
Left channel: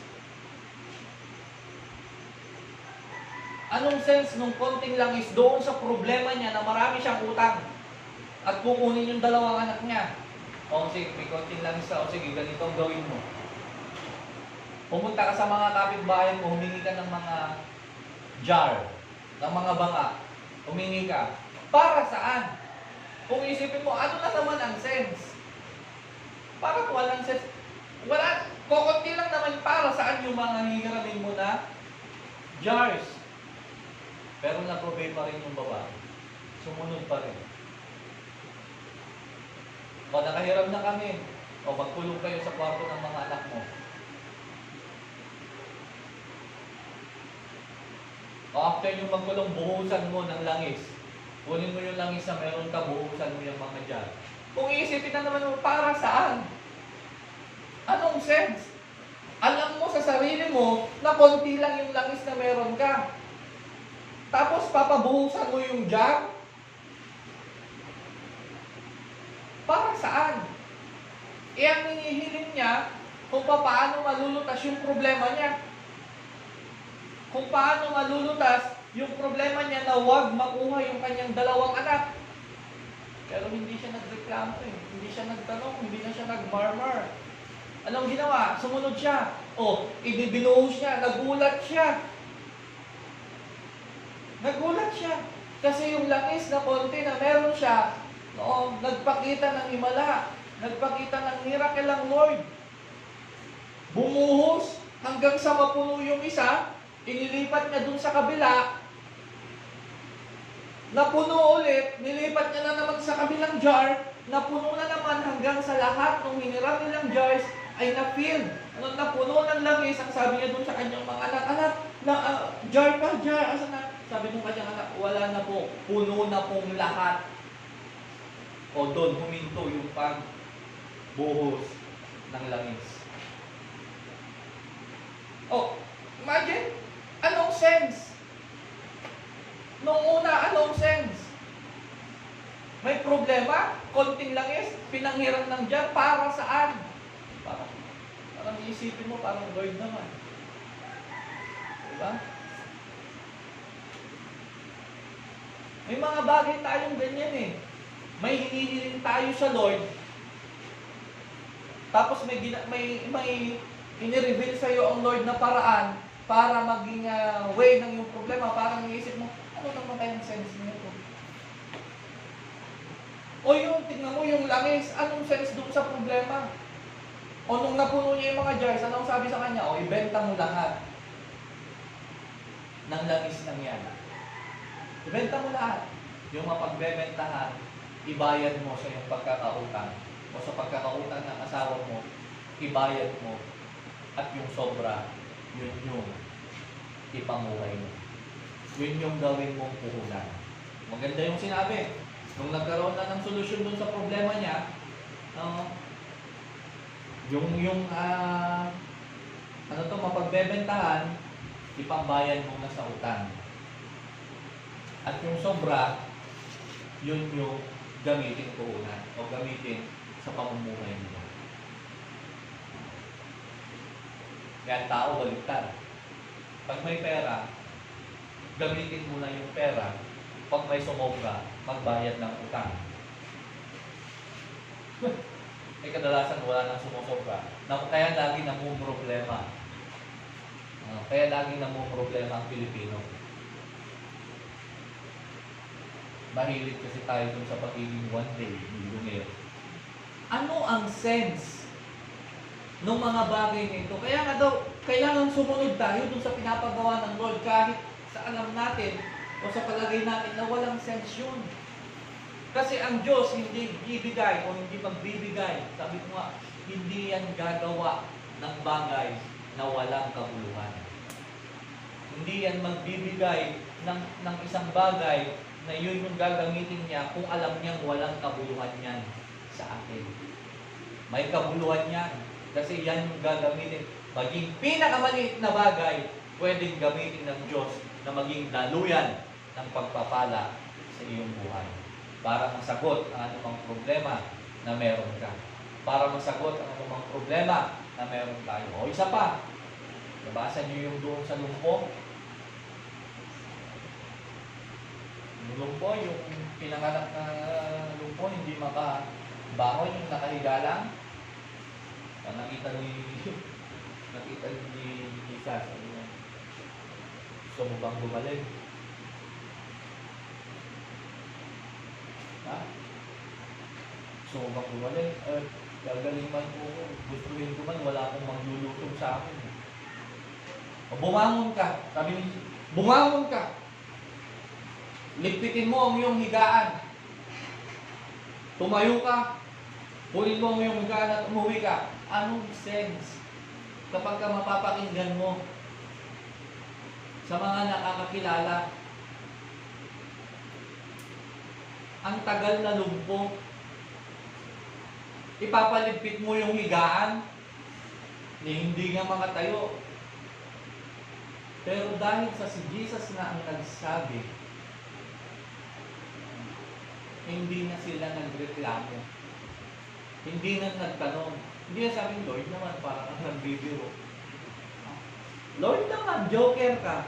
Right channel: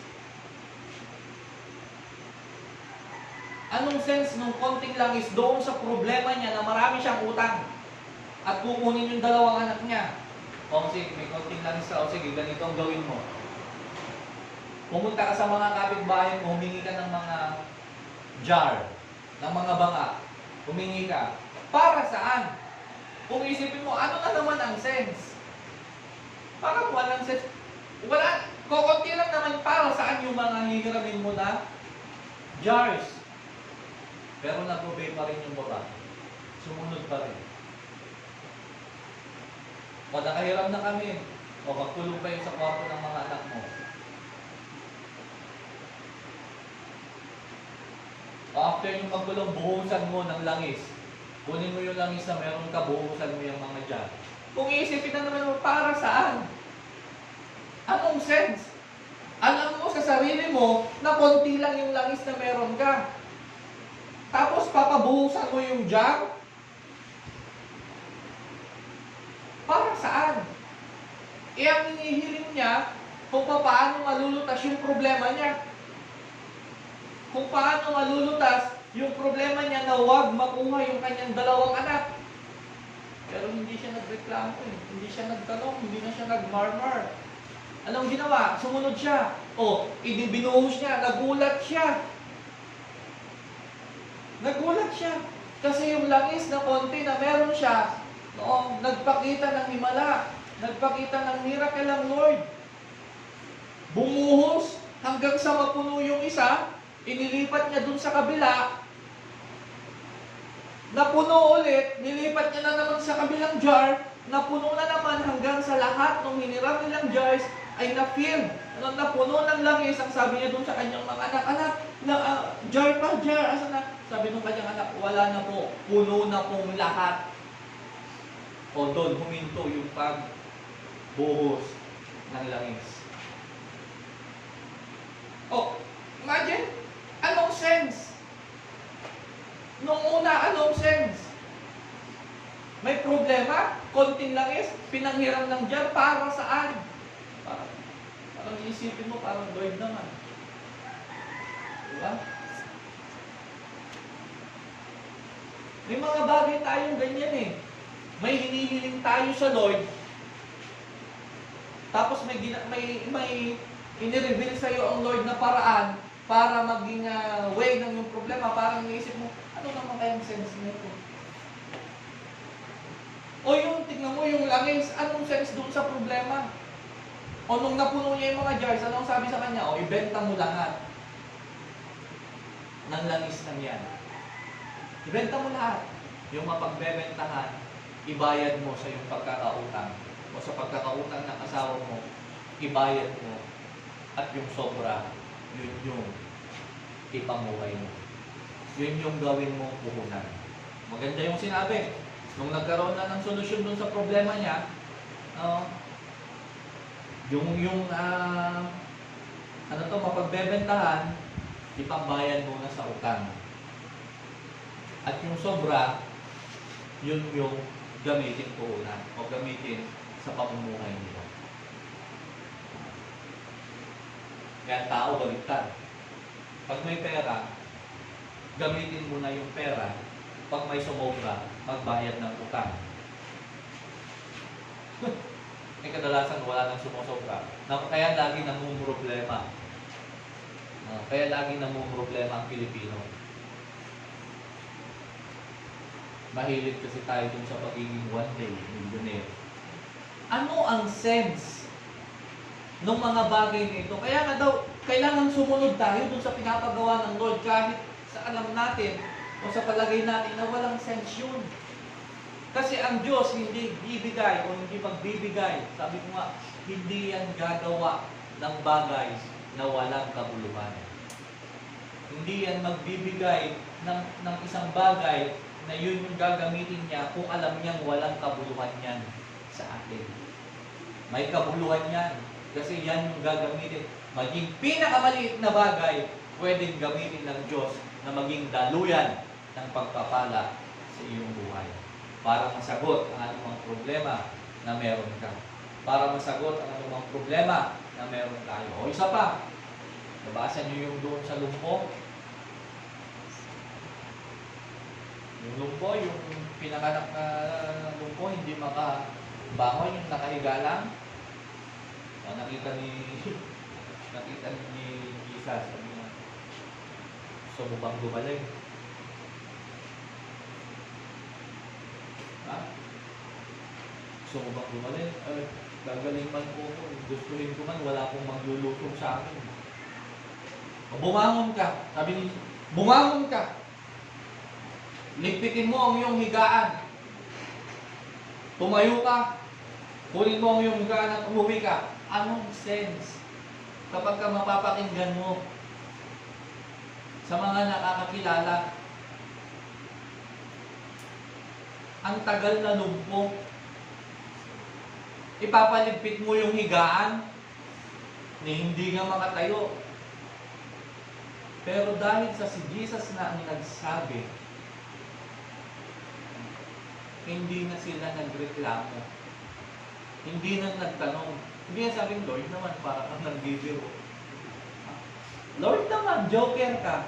Anong sense nung konting langis doon sa problema niya na marami siyang utang at kukunin yung 2 anak niya? O sige, may konting langis ka. O sige, ganito ang gawin mo. Pumunta ka sa mga kapitbahay mo, humingi ka ng mga jar, ng mga banga. Humingi ka. Para saan? Kung isipin mo, ano na naman ang sense? Parang walang sense. Wala, kukunti lang naman para saan yung mga hihiramin mo na jars. Pero na-provide pa rin yung babae. Sumunod pa rin. O nakahiram na kami. O magkulong kayo sa kwarto ng mga anak mo. O after yung magkulong, buhusan mo ng langis. Kunin mo yung langis na meron ka, buhusan mo yung mga dyan. Kung iisipin na naman mo, para saan? Anong sense? Alam mo sa sarili mo na konti lang yung langis na meron ka. Tapos papabuhusan mo yung jar? Para saan? Ang hinihiling niya kung paano malulutas yung problema niya. Kung paano malulutas yung problema niya na huwag makuha yung kanyang 2 anak. Pero hindi siya nagreklamo eh. Hindi siya nagtanong, hindi na siya nagmarmar. Anong ginawa? Sumunod siya. O, ibinuhos niya, nagulat siya. Nagulat siya. Kasi yung langis na konti na meron siya, noong nagpakita ng himala, nagpakita ng miracle ang Lord. Bumuhos hanggang sa mapuno yung isa, inilipat niya dun sa kabila, napuno ulit, nilipat niya na naman sa kabilang jar, napuno na naman hanggang sa lahat ng hiniram nilang jars ay na-fill. Nung napuno ng langis, ang sabi niya dun sa kanyang mga anak, jar pa, jar, asa na? Sabi ng kanyang anak, wala na po, puno na pong lahat. O doon, huminto yung pagbuhos ng langis. O, imagine, anong sense? Noong una, anong sense? May problema, konting langis, pinanghiram ng jar, para saan? Parang iisipin mo, parang Lord naman. Diba? May mga bagay tayong ganyan eh. May hinihiling tayo sa Lord, tapos may inireveal sa iyo ang Lord na paraan para maging way ng yung problema. Parang iniisip mo, ano naman kayang sense nito? O yung, tignan mo yung langis, anong sense doon sa problema? O nung napuno niya yung mga jars, anong sabi sa kanya? O ibenta mo lahat ng langis ng yan. Ibenta mo lahat. Yung mapagbebentahan, ibayad mo sa iyong pagkakautang. O sa pagkakautang ng asawa mo, ibayad mo. At yung sobra, yun yung ipamuhay mo. Yun yung gawin mong puhunan. Maganda yung sinabi. Nung nagkaroon na ng solusyon dun sa problema niya, mapagbebentahan, ipambayad mo na sa utang. At yung sobra, yun yung gamitin puhunan o gamitin sa pamumuhay nila. Kaya tao baliktad. Pag may pera, gamitin mo na yung pera. Pag may sumobra, magbayad ng utang. Kadalasan wala nang sumusobra. Kaya lagi namumroblema. Kaya lagi namumroblema ang Pilipino. Mahilig kasi tayo dun sa pagiging one day millionaire. Ano ang sense ng mga bagay nito? Kaya nga daw, kailangan sumunod tayo dun sa pinapagawa ng Lord kahit sa alam natin o sa palagay natin na walang sense yun. Kasi ang Diyos hindi bibigay o hindi magbibigay. Sabi ko nga, hindi yan gagawa ng bagay na walang kabuluhan. Hindi yan magbibigay ng isang bagay na yun yung gagamitin niya kung alam niyang walang kabuluhan yan sa atin. May kabuluhan yan. Kasi yan yung gagamitin. Maging pinakamaliit na bagay, pwedeng gamitin ng Diyos na maging daluyan ng pagpapala sa iyong buhay. Para masagot ang anumang problema na meron ka. Para masagot ang anumang problema na meron tayo. O isa pa, nabasa niyo yung doon sa lumpo. Yung lumpo, yung pinanganak na lumpo, hindi makabangon, yung nakahiga lang. Nakita ni Jesus, sabi niya, gusto mo bang gumaling? Ha? Gusto mo bang gumaling? Gagaling man po ko. Gustuhin ko man, wala akong maglulutong sa akin. Bumangon ka. Sabi ni Jesus, bumangon ka. Ligpitin mo ang iyong higaan. Tumayo ka. Kunin mo ang iyong higaan at umuwi ka. Anong sense kapag ka mapapakinggan mo sa mga nakakakilala? Ang tagal na lumpo. Ipapaligpit mo yung higaan na hindi nga makatayo. Pero dahil sa si Jesus na ang nagsabi, hindi na sila nagreklamo. Hindi na nagtanong. Hindi na sabi, Lord naman, para kang nagbibiro. Lord naman, joker ka.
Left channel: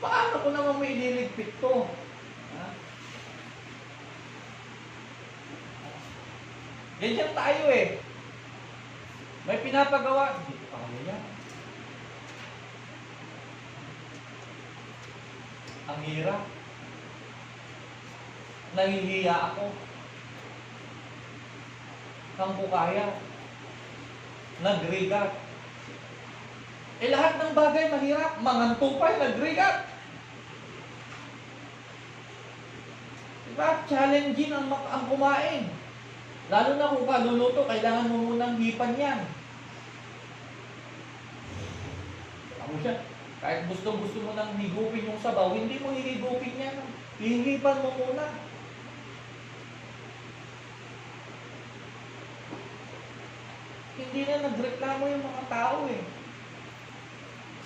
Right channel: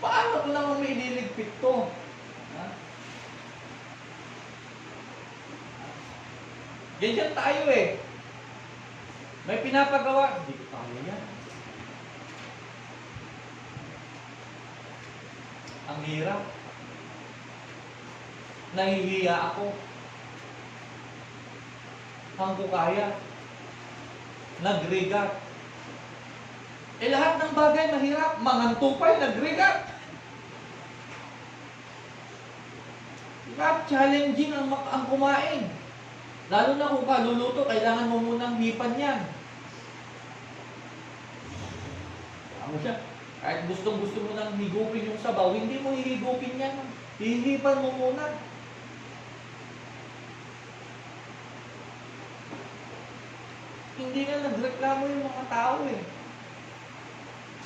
Paano ko naman may ililigpit to? Ganyan tayo eh. May pinapagawa. Hindi pa mo yan. Ang hirap. Nahihiya ako. Ang bukaya. Nagrigat. Lahat ng bagay mahirap. Mangantupay, nagrigat. Diba? Challenging ang kumain. Lalo na kung kaluluto, kailangan mo munang hipan yan. Ano siya? Kahit gusto mo nang higupin yung sabaw, hindi mo hihigupin yan. Hihipan mo muna. Hindi na nagreklamo yung mga tao eh.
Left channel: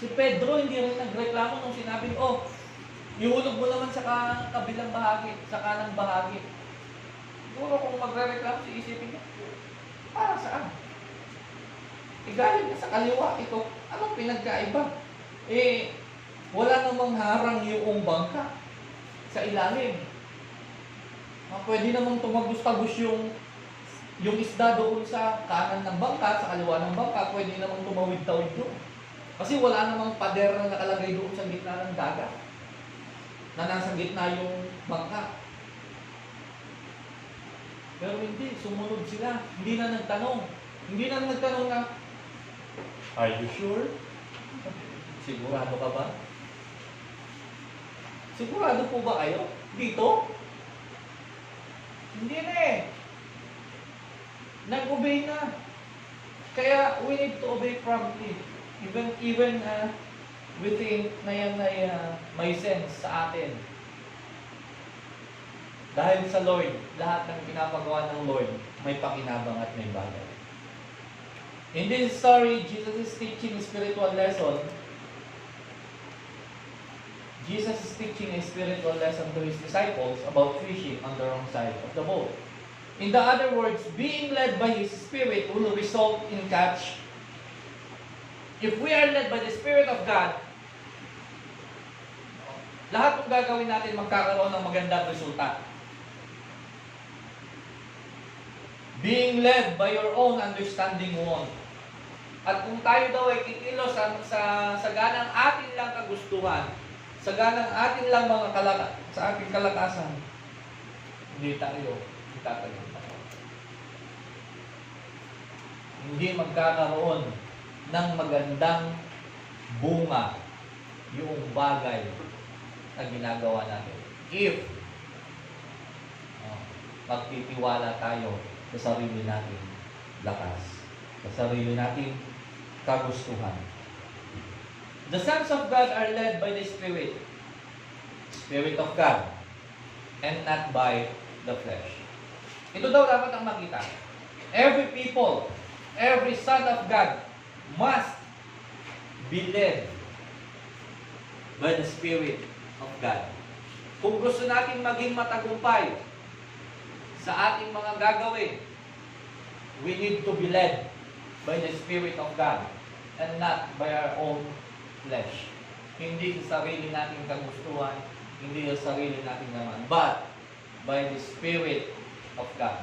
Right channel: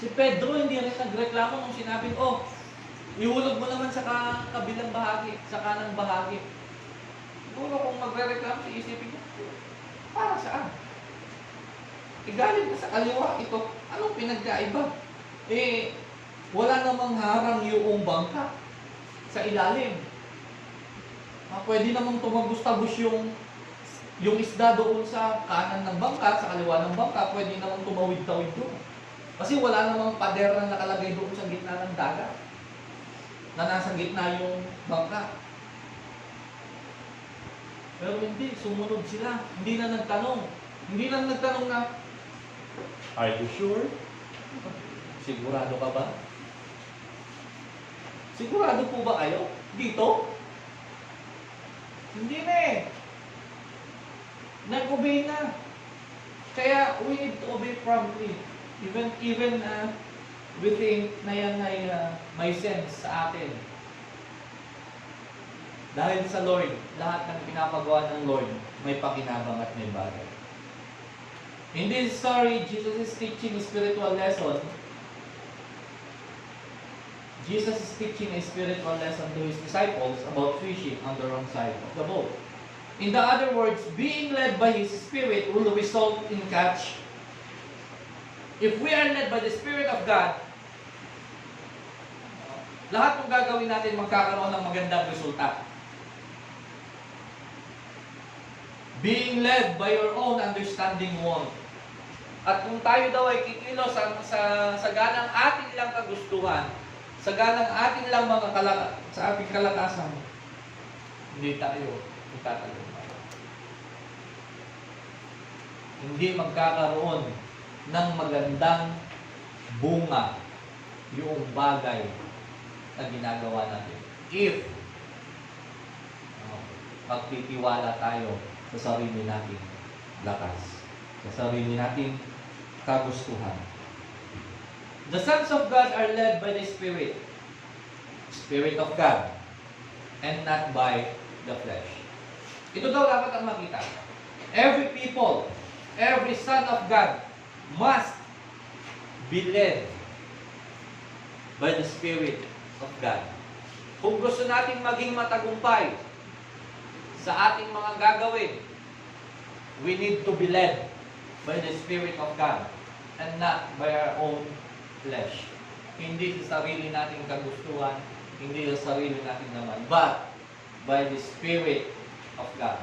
Si Pedro hindi rin nagreklamo nung sinabi, ihulog mo naman sa kabilang bahagi, sa kanang bahagi. Siguro kung magre-reklamo, isipin niya, para saan? Igaling na sa kaliwa ito. Anong pinagkaiba? Wala namang harang yung bangka sa ilalim. Pwede namang tumagos-tagos yung isda doon sa kanan ng bangka, sa kaliwa ng bangka, pwede namang tumawid-tawid doon. Kasi wala namang pader na nakalagay doon sa gitna ng dagat na nasa gitna yung bangka. Pero hindi, sumunod sila. Hindi na nagtanong. Hindi na nagtanong na, "Are you sure? Sigurado ka ba? Sigurado po ba kayo? Dito?" Hindi na eh. Nag-obey na. Kaya we need to obey promptly. Even we think na yan ay may sense sa atin. Dahil sa Lord, lahat ng pinapagawa ng Lord may pakinabang at may bagay. In this story, Jesus is teaching a spiritual lesson. Jesus is teaching a spiritual lesson to his disciples about fishing on the wrong side of the boat. In the other words, being led by His Spirit will result in catch. If we are led by the Spirit of God, lahat ng gagawin natin magkakaroon ng magandang resulta. Being led by your own understanding won't. At kung tayo daw ay kikilos sa ganang atin lang kagustuhan, sa ganang atin lang sa ating kalakasan, hindi tayo itatagumpay. Hindi magkakaroon ng magandang bunga yung bagay na ginagawa natin. If magtitiwala tayo sa sarili nating lakas, sa sarili nating kagustuhan. The sons of God are led by the Spirit, Spirit of God, and not by the flesh. Ito daw dapat ang makita. Every people, every son of God must be led by the Spirit of God. Kung gusto natin maging matagumpay sa ating mga gagawin, we need to be led by the Spirit of God and not by our own flesh. Hindi sa sarili nating kagustuhan, hindi sa sarili nating naman, but by the Spirit of God.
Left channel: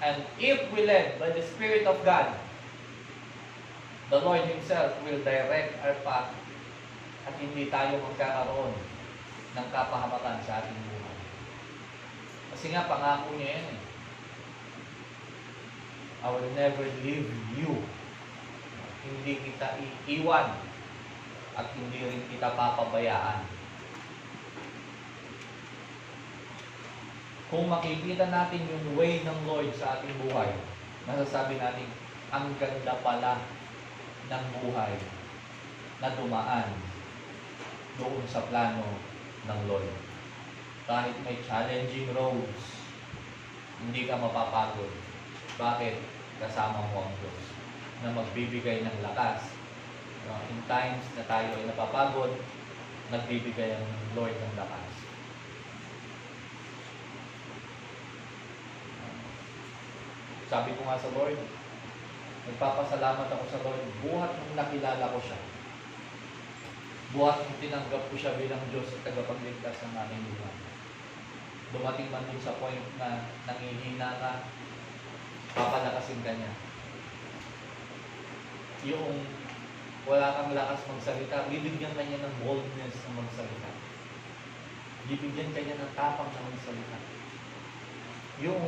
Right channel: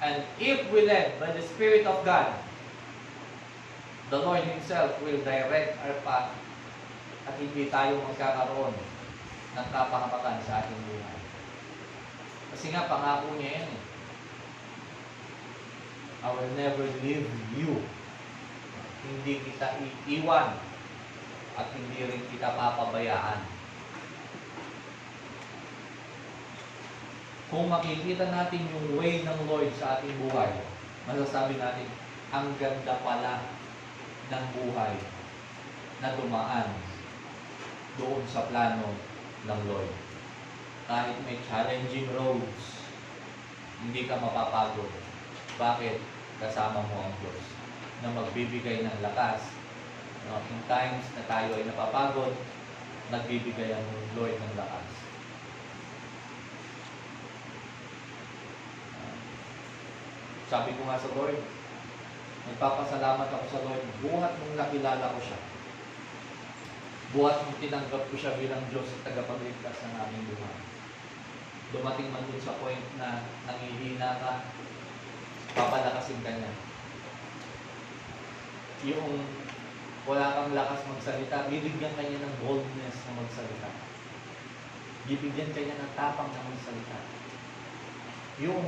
And if we led by the Spirit of God, the Lord Himself will direct our path at hindi tayo magkakaroon ng kapahamakan sa ating buhay. Kasi nga, pangako niya yan eh. I will never leave you. Hindi kita iiwan at hindi rin kita papabayaan. Kung makikita natin yung way ng Lord sa ating buhay, masasabi natin, ang ganda pala ng buhay na dumaan doon sa plano ng Lord. Kahit may challenging roads, hindi ka mapapagod. Bakit? Kasama mo ang Diyos na magbibigay ng lakas. In times na tayo ay napapagod, nagbibigay ang Lord ng lakas. Sabi ko nga sa Lord, nagpapasalamat ako sa Lord, buhat nung nakilala ko siya. Buhat nung tinanggap ko siya bilang Diyos at tagapagligtas ng aming buhay. Dumating man dun sa point na nangihina ka, papalakasin ka niya. Yung wala kang lakas magsalita, bibigyan ka niya ng boldness na magsalita. Bibigyan ka niya ng tapang na magsalita. Yung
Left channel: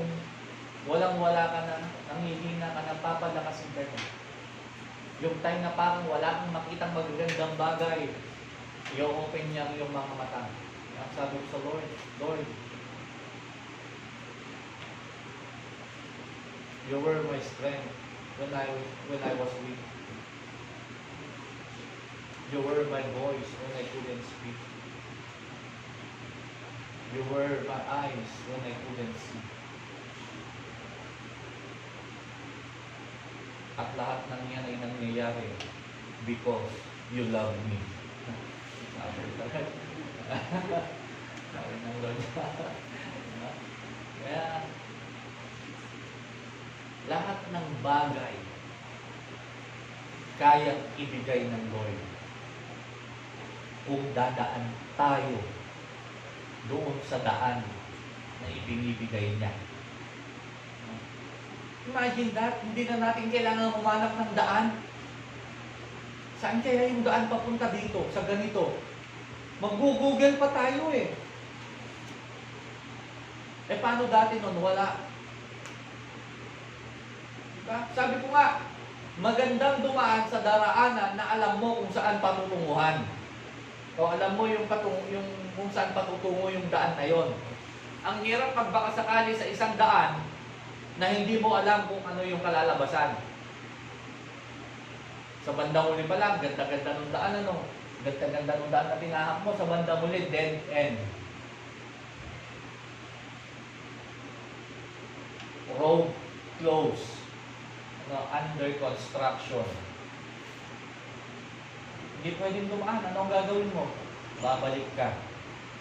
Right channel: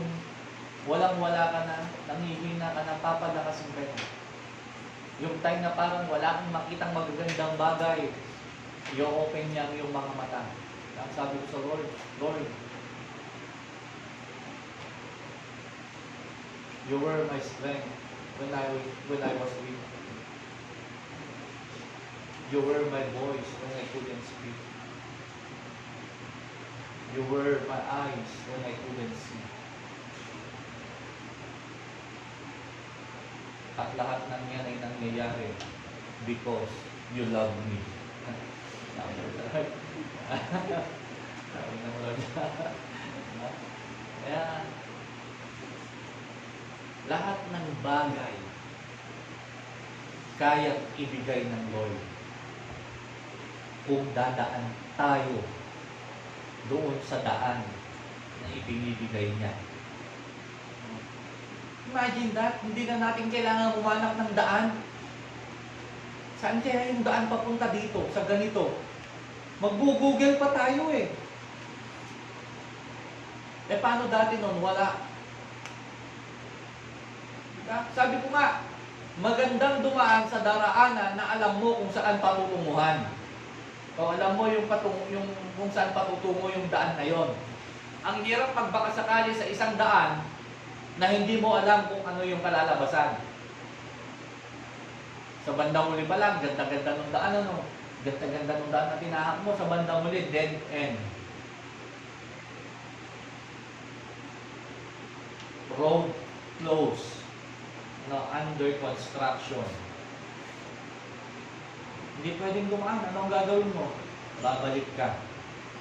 walang-wala ka na, nangihina ka na, papalakasin ka niya. Yung time na parang wala kang makitang magagandang bagay, i-open niya ang iyong mga mata. Ang sabi ko sa Lord, Lord, You were my strength when I was weak. You were my voice when I couldn't speak. You were my eyes when I couldn't see. At lahat ng yan ay nangyayari because you love me. Sabi ng Lord. Kaya, lahat ng bagay kayang ibigay ng Lord kung dadaan tayo doon sa daan na ibinibigay niya. Imagine that, hindi na natin kailangan umanap ng daan. Saan kaya yung daan papunta dito, sa ganito? Mag-google pa tayo eh. Paano dati nun? Wala. Diba? Sabi ko nga, magandang dumaan sa daraanan na alam mo kung saan patutunguhan. O alam mo yung kung saan patutungo yung daan na yon. Ang hirap pag baka sakali sa isang daan na hindi mo alam kung ano yung kalalabasan. Sa bandang huli pa lang, ganda-ganda ng daan, ano? Ganda-ganda ng daan na tinahak mo, sa bandang huli, dead end. Road closed. Under construction. Hindi pwedeng dumaan. Anong gagawin mo? Babalik ka.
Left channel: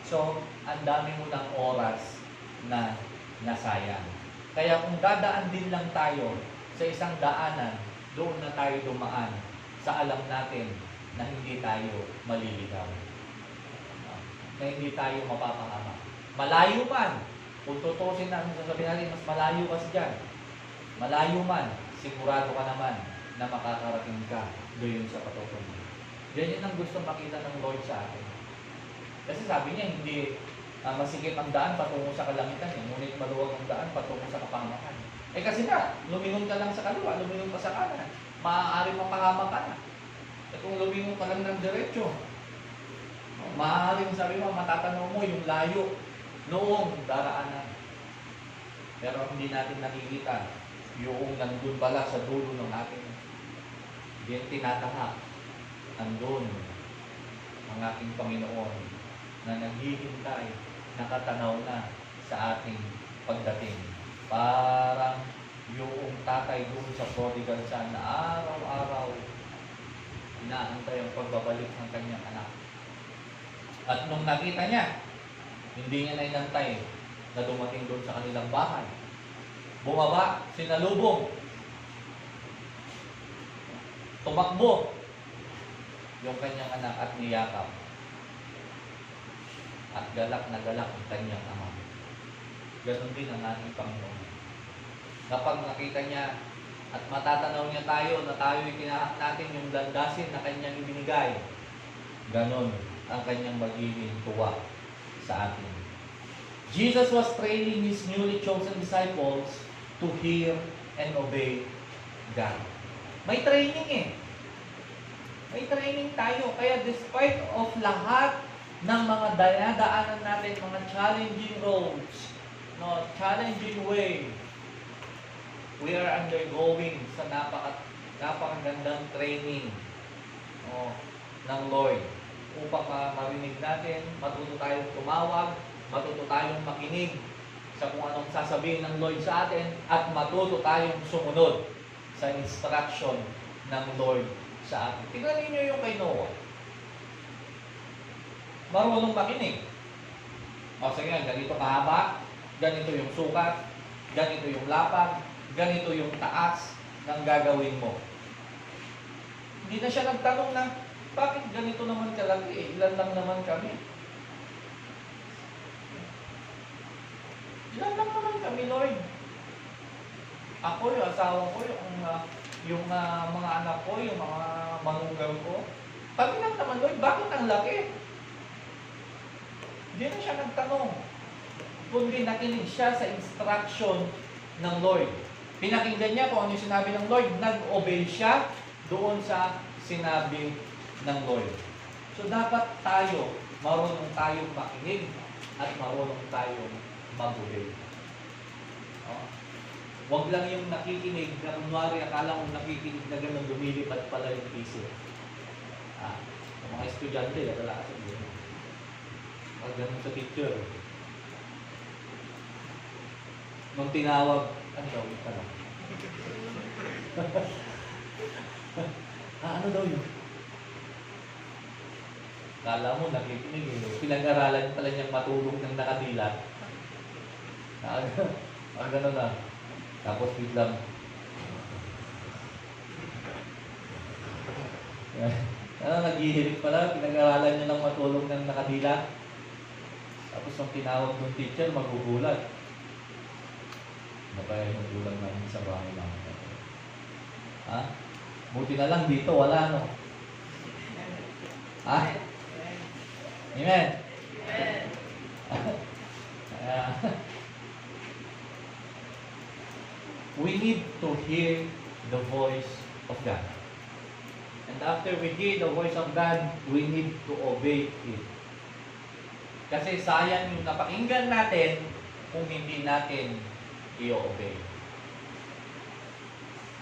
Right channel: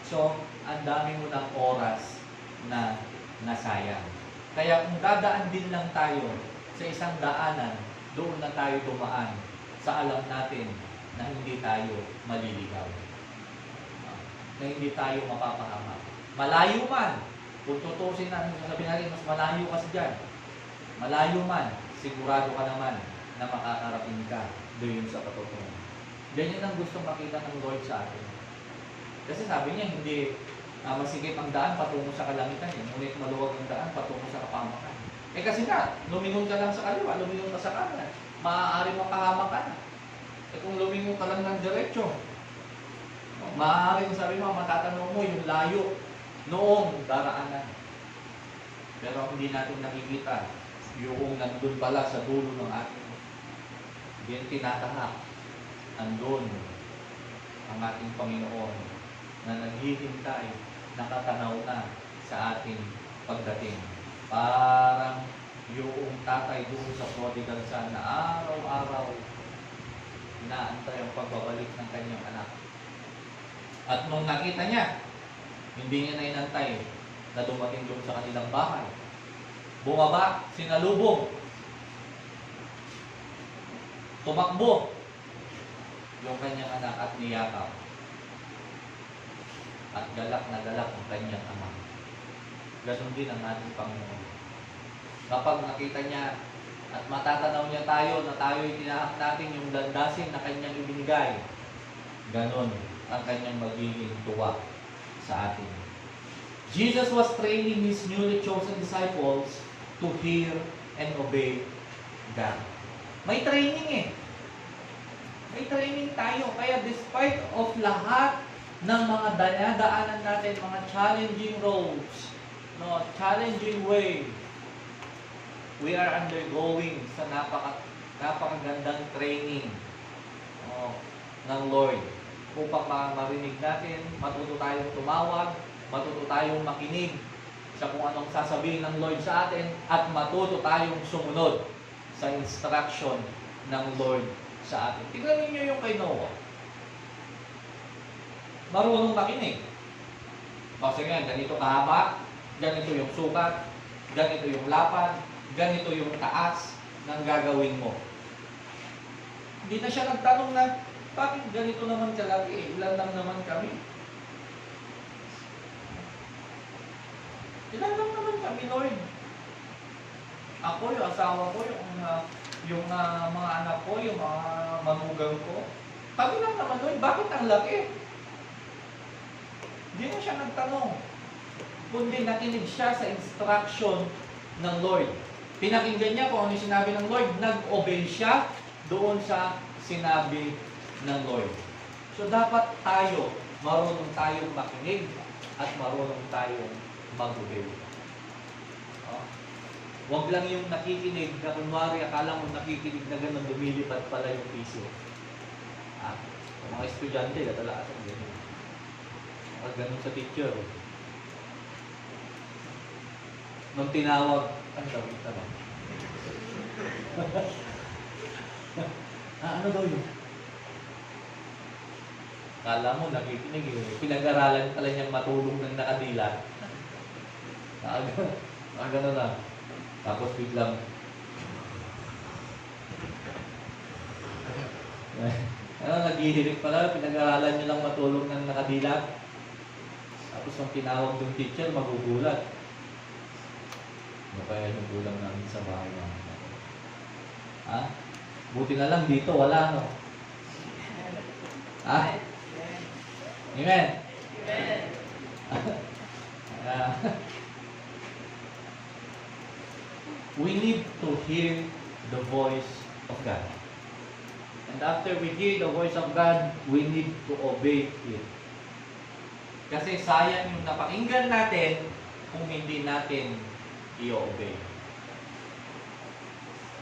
So, ang dami mo ng oras na nasayang. Kaya kung dadaan din lang tayo sa isang daanan, doon na tayo dumaan sa alam natin na hindi tayo maliligaw. Na hindi tayo mapapahama. Malayo man. Kung tutusin na, sasabihin natin, mas malayo kasi dyan. Malayo man, sigurado ka naman na makakarating ka doon sa patutungan. Ganyan ang gustong makita ng Lord sa atin. Kasi sabi niya, hindi masikip ang daan patungo sa kalamitan. Ngunit maluwag ang daan patungo sa kapamakan. Kasi nga, lumingon ka lang sa kaliwa, lumingon ka sa kanan, maaari mapahamak ka na. Kung lumingon ka lang ng diretsyo, maaaring sabi mo, matatanaw mo yung layo noong daraanan. Pero hindi natin nakikita yung nandun pala sa dulo ng ating yung tinatahak. Nandun ang ating Panginoon na naghihintay, nakatanaw na sa ating pagdating. Parang yung tatay doon sa prodigal son na araw-araw inaantay ang pagbabalik ng kanyang anak. At nung nakita niya, hindi niya na inantay na dumating doon sa kanilang bahay. Bumaba, sinalubong, tumakbo yung kanyang anak at niyakaw. At galak na galak ang kanyang ama. Ganon din ang ating Panginoon. Kapag nakita niya at matatanaw niya tayo na tayo'y tinahak natin yung landasin na kanyang ibinigay, ganon ang kanyang magiging tuwa sa atin. Jesus was training His newly chosen disciples to hear and obey God. May training eh. May training tayo. Kaya despite of lahat ng mga dinadaanan natin, mga challenging roads, challenging way, we are undergoing sa napakagandang training ng Lord upang marinig natin, matuto tayong tumawag, matuto tayong makinig sa kung anong sasabihin ng Lord sa atin, at matuto tayong sumunod sa instruction ng Lord sa atin. Tingnan ninyo yung kay Noah. Marunong makinig. Sige nga, ganito kahaba, ganito yung sukat, ganito yung lapad, ganito yung taas ng gagawin mo. Hindi na siya nagtanong na, bakit ganito naman kalaki? Ilan lang naman kami? Ilan lang naman kami, Lord? Ako, yung asawa ko, yung mga anak ko, yung mga manugang ko. Kami lang naman, Lord, bakit ang laki? Hindi na siya nagtanong. Kundi nakinig siya sa instruction ng Lord. Pinakinggan niya kung ano yung sinabi ng Lord. Nag-obey siya doon sa sinabi ng Lord. So dapat tayo, marunong tayong makinig at marunong tayong mag-obey. Huwag lang yung nakikinig na kunwari akala mong nakikinig na gano'n lumilipad pala yung piso. Mga estudyante, dadala kasi gano'n. Gano'n sa teacher. Nung tinawag, ano daw yung tanong? Ano daw yun? Kala mo, nakikinig eh. Pinag-aralan pala niyang matulog ng nakadila. Gano'n na. Tapos wait lang. Naghihilig pala, pinag-aralan niyo lang matulog ng nakadila. Tapos ang tinawag ng teacher, magugulat. Ano kaya yung gulang namin sa bahay namin? Ha? Buti na lang dito, wala, no? Ha? Amen? We need to hear the voice of God. And after we hear the voice of God, we need to obey it. Kasi sayang yung napakinggan natin kung hindi natin i-obey.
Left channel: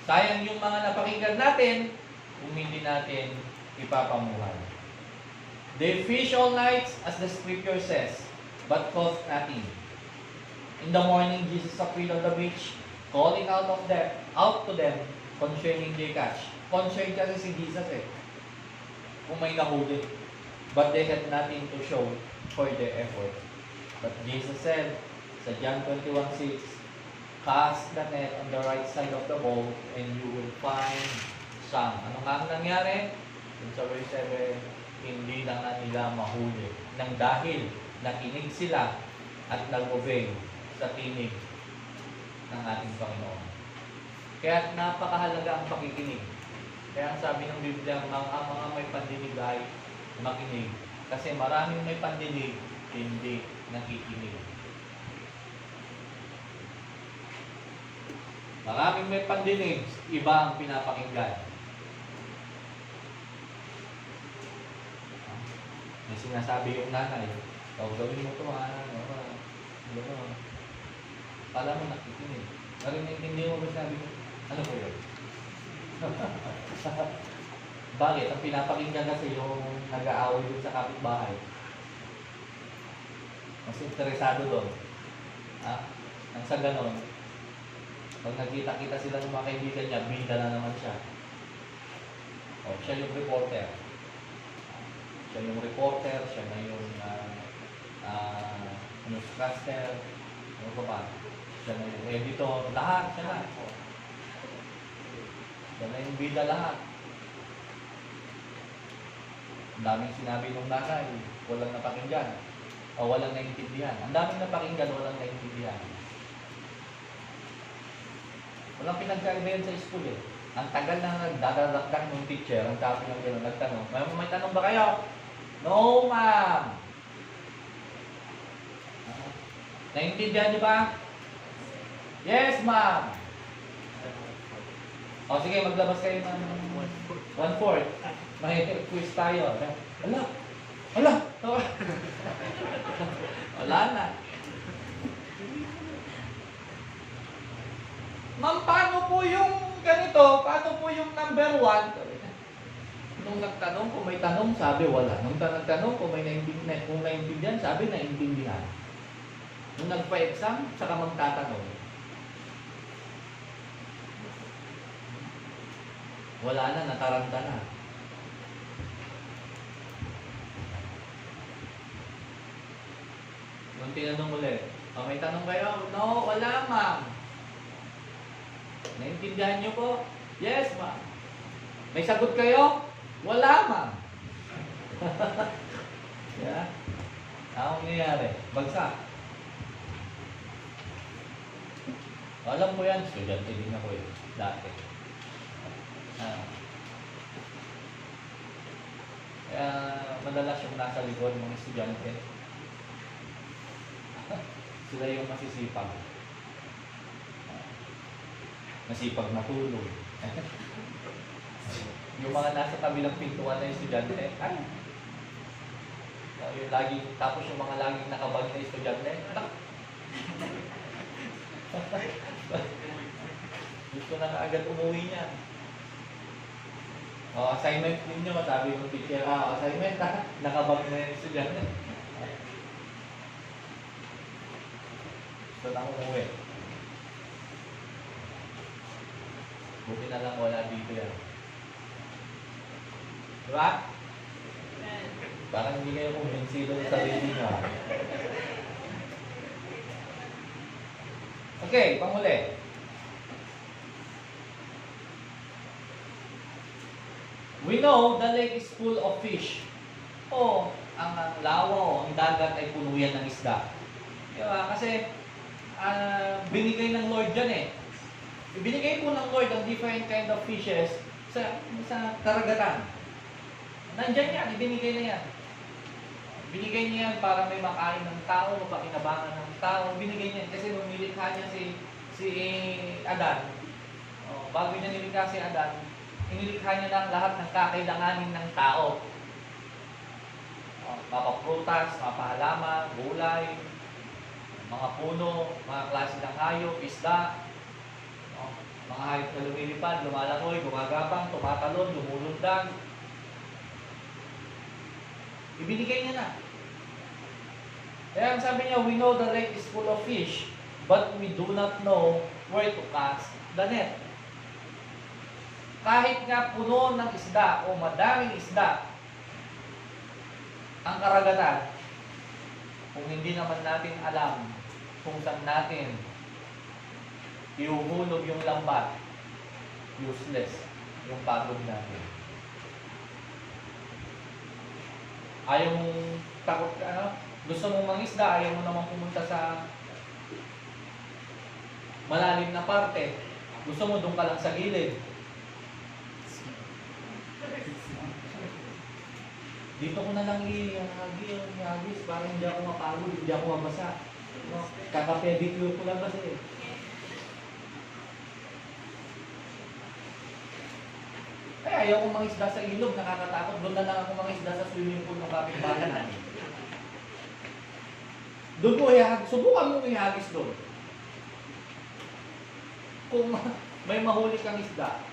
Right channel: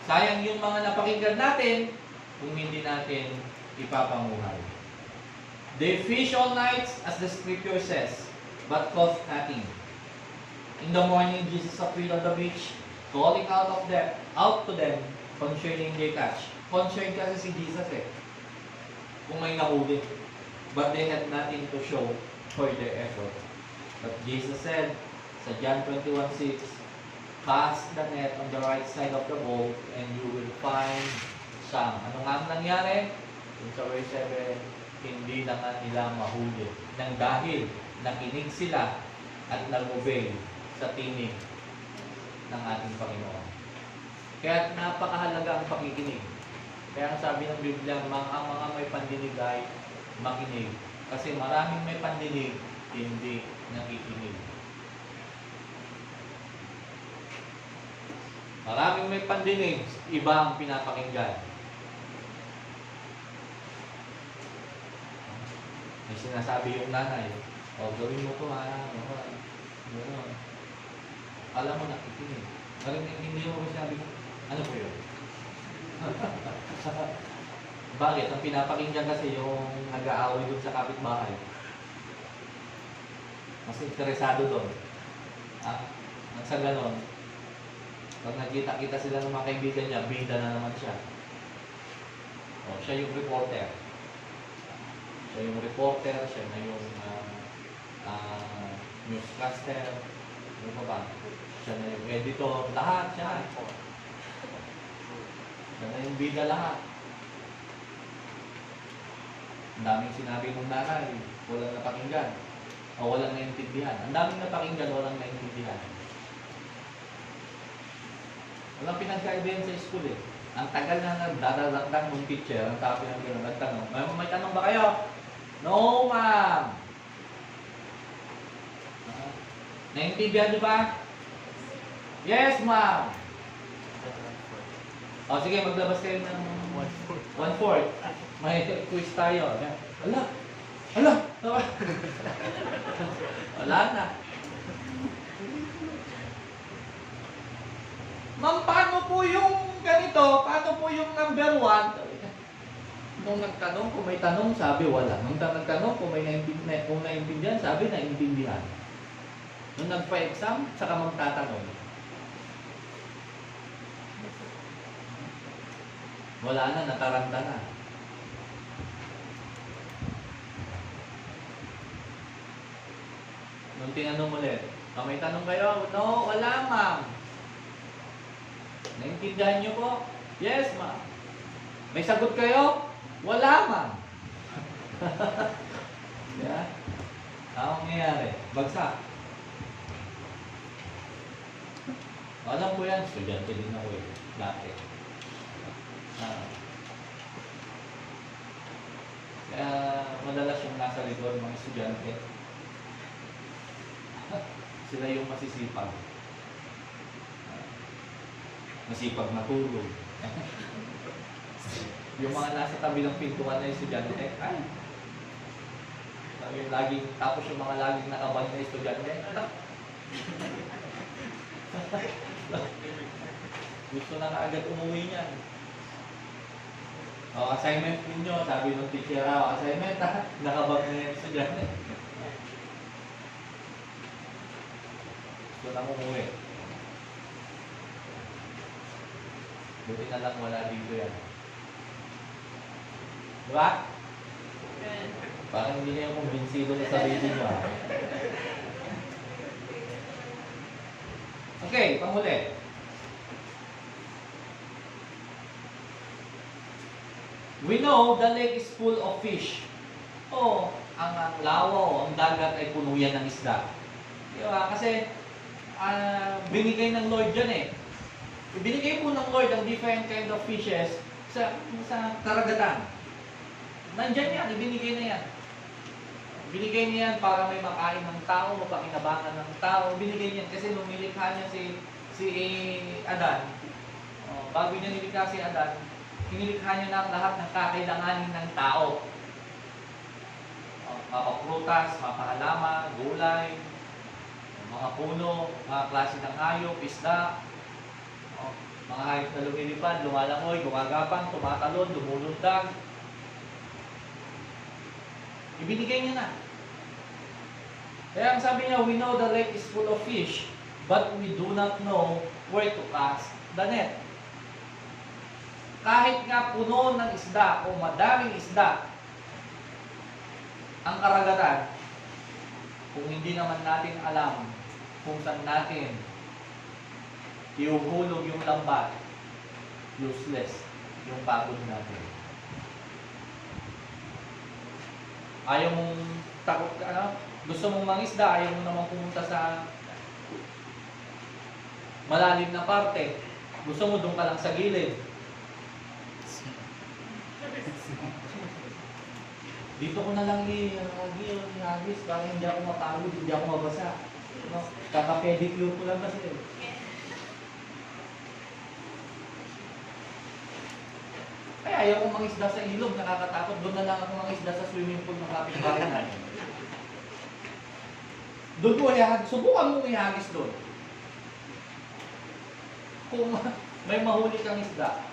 Sayang yung mga napakinggan natin kung hindi natin ipapamuhay. They fish all night, as the scripture says, but caught nothing. In the morning, Jesus appeared on the beach, calling out to them concerning their catch. Concerned kasi si Jesus kung may nahuli. But they had nothing to show for their effort. But Jesus said, sa John 21:6, cast the net on the right side of the boat and you will find some. Ano nga ang nangyari? In sa verse 7, hindi na nga nila mahuli. Nang dahil nakinig sila at nag-obey sa tinig ng ating Panginoon. Kaya napakahalaga ang pakikinig. Kaya ang sabi ng Biblia, ang mga may pandinig ay makinig. Kasi maraming may pandinig, hindi nakikinig. Maraming may pandinig, iba ang pinapakinggan. May sinasabi yung nanay, gawin mo ito ha, alam mo nakikinig. Hindi mo sinabi, ano po yun? Bakit? Ang pinapakinggan kasi yung nag-aaway doon sa kapitbahay. Mas interesado doon. Ang sa ganon, pag nagkita-kita sila ng mga kaibigan niya, bida na naman siya. Siya yung reporter. Siya na yung newscaster. Ano pa ba? Siya na yung editor. Lahat siya. Siya na yung bida lahat. Ang daming sinabi ng nanay, walang napakinggan. O walang naintindihan. Ang daming napakinggan, walang naintindihan. Walang pinagkaiba yun sa school Ang tagal na nagdadalakdan ng teacher, ang tapos ng gano'n nagtanong, may tanong ba kayo? No, ma'am. Naintindihan niyo ba? Yes, ma'am. O sige, maglabas kayo ng 1/4. May quiz tayo. Ala! Wala na. Ma'am, paano po yung ganito? Paano po yung number 1? Nung nagtanong, kung may tanong, sabi wala. Nung nagtanong, kung naintindihan, sabi naintindihan. Nung nagpa-exam, saka magtatanong. Wala na, nataranta na. Nung tinanong ulit, may tanong kayo? No, wala, ma'am. Naintindihan niyo po? Yes, ma'am. May sagot kayo? Wala, ma'am. Yeah. Anong nangyayari? Bagsak. Alam ko yan, estudyante din ako dati. Kaya madalas yung nasa likod ng estudyante. Sila yung masisipag. Masipag na tulog. Yung mga nasa tabi ng pintuan na estudyante, tapos yung mga laging nakabag na estudyante, gusto na kaagad umuwi niyan. Assignment ninyo, sabi ng teacher, assignment nakabag na yung estudyante. Gusto na umuwi. Buti na lang wala dito yan. Diba? Parang hindi kayo kumbinsido sa sarili nyo. Okay, panghuli. We know the lake is full of fish. Oh, ang lawa, ang dagat ay puno yan ng isda. Di ba? Kasi binigay ng Lord dyan eh. Binigay po ng Lord ang different kind of fishes sa karagatan. Nandyan yan, ibinigay na yan. Binigay niya yan para may makain ng tao, mapakinabangan ng tao. Binigay niya yan kasi nung nilikha niya si Adan, bago niya nilikha si Adan, inilikha niya na lahat ng kakailanganin ng tao. Mapaprutas, mapahalaman, gulay, mga puno, mga klase ng hayop, isda, mga hayop na lumilipad, lumalangoy, gumagapang, tumatalon, lumulundag. Ibinigay niya na. Kaya ang sabi niya, we know the lake is full of fish, but we do not know where to cast the net. Kahit nga puno ng isda o madaming isda ang karagatan, kung hindi naman natin alam kung saan natin ihuhulog yung lambat, useless yung pagod natin. Ayaw mong takot ka, gusto mong mangisda, ayaw mo naman pumunta sa malalim na parte. Gusto mo doon ka lang sa gilid. Dito ko na lang i-agis para hindi ako mapagod, hindi ako mabasa. No? Kaka-pedicure ko lang kasi. Kaya ayaw kong mangisda sa ilog, nakakatakot. Doon na lang ako mangisda sa swimming pool na kapitbahay. Doon mo ihagis. Subukan mo ihagis doon. Kung may mahuli kang isda,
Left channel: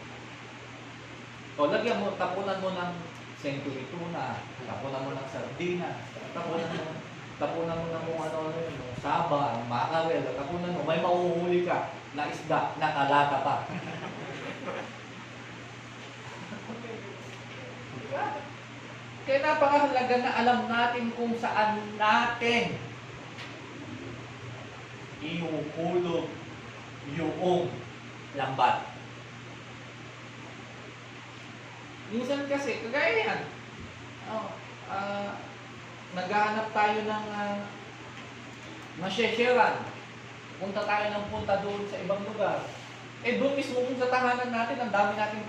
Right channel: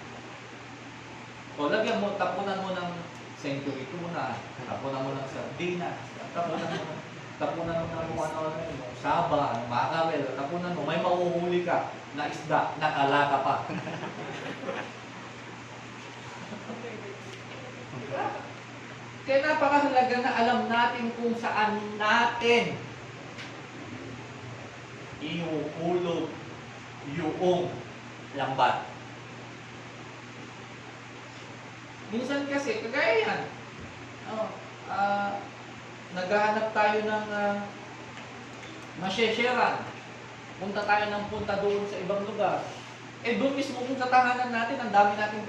o lagyan mo, tapunan mo ng century tuna, tapunan mo ng sardinas, tapunan mo ng ano, saba, mackerel, tapunan mo, may mahuhuli ka na isda, nakalaka pa. Kaya napakahalaga na alam natin kung saan natin ihuhulog yung lambat. Minsan kasi, kagaya yan, naghahanap tayo ng masyesheran. Punta tayo ng punta doon sa ibang lugar. Eh doon mismo kung sa tahanan natin, ang dami natin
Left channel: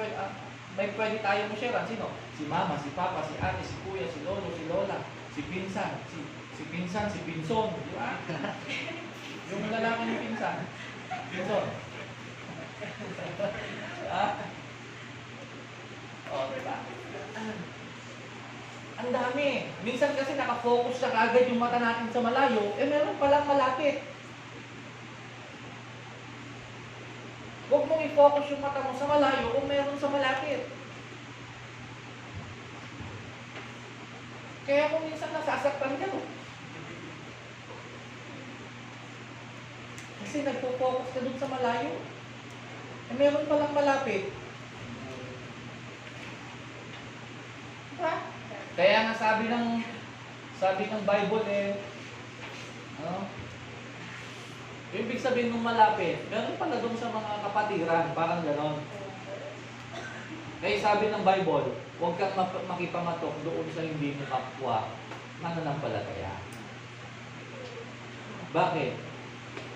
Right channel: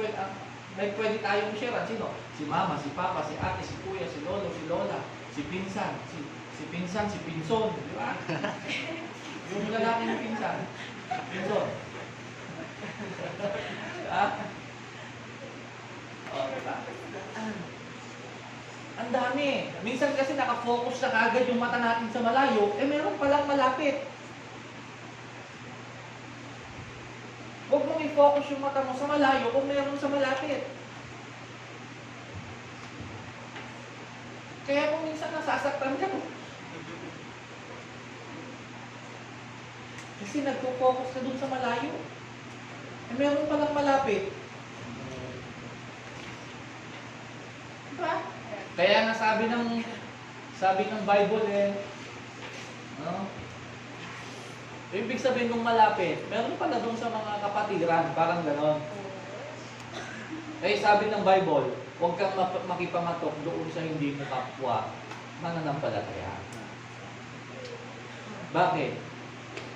pwede tayong sharean. Sino? Si mama, si papa, si ate, si kuya, si lolo, si lola, si pinsan, si pinsan, si pinson. Di ba? Yung lalaki ng pinsan. Pinson. Diba? Ang dami. Minsan kasi nakafocus na kagad yung mata natin sa malayo, eh meron palang malapit. Huwag mong i-focus yung mata mo sa malayo kung meron sa malapit. Kaya kung minsan nasasaktan ka, kasi nagpo-focus ka dun sa malayo. Eh meron palang malapit. Diba? Kaya nga sabi ng Bible ibig sabihin ng malapit, meron pala doon sa mga kapatiran, parang gano'n. Kaya sabi ng Bible, huwag kang makipamatok doon sa hindi mo kapwa, mananampalataya. Bakit?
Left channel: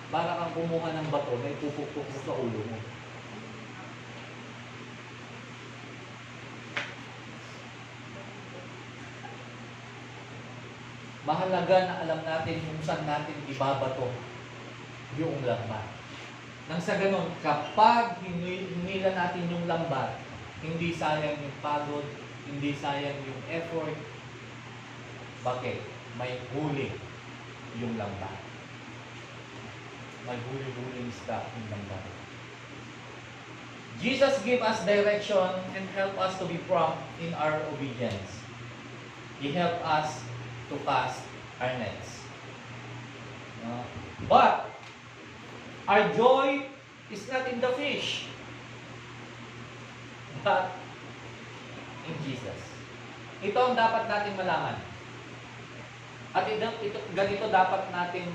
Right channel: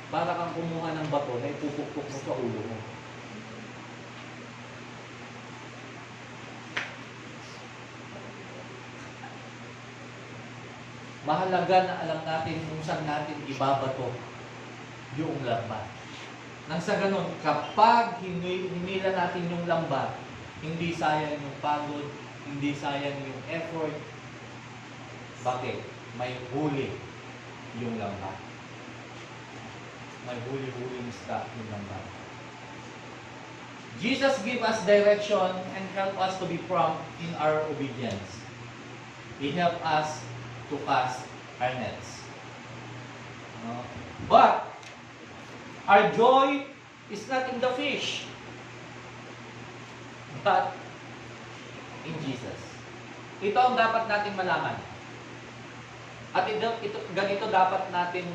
Para kang kumuha ng bato na ipupuktok mo sa ulo mo. Mahalaga na alam natin kung saan natin ibabato yung lambat. Nang sa ganun, kapag hinila natin yung lambat, hindi sayang yung pagod, hindi sayang yung effort. Bakit? May huli yung lambat. May huli-huling stuff yung lambat. Jesus give us direction and help us to be prompt in our obedience. He help us to cast our nets. But our joy is not in the fish, but in Jesus. Ito ang dapat natin malaman. At ganito dapat natin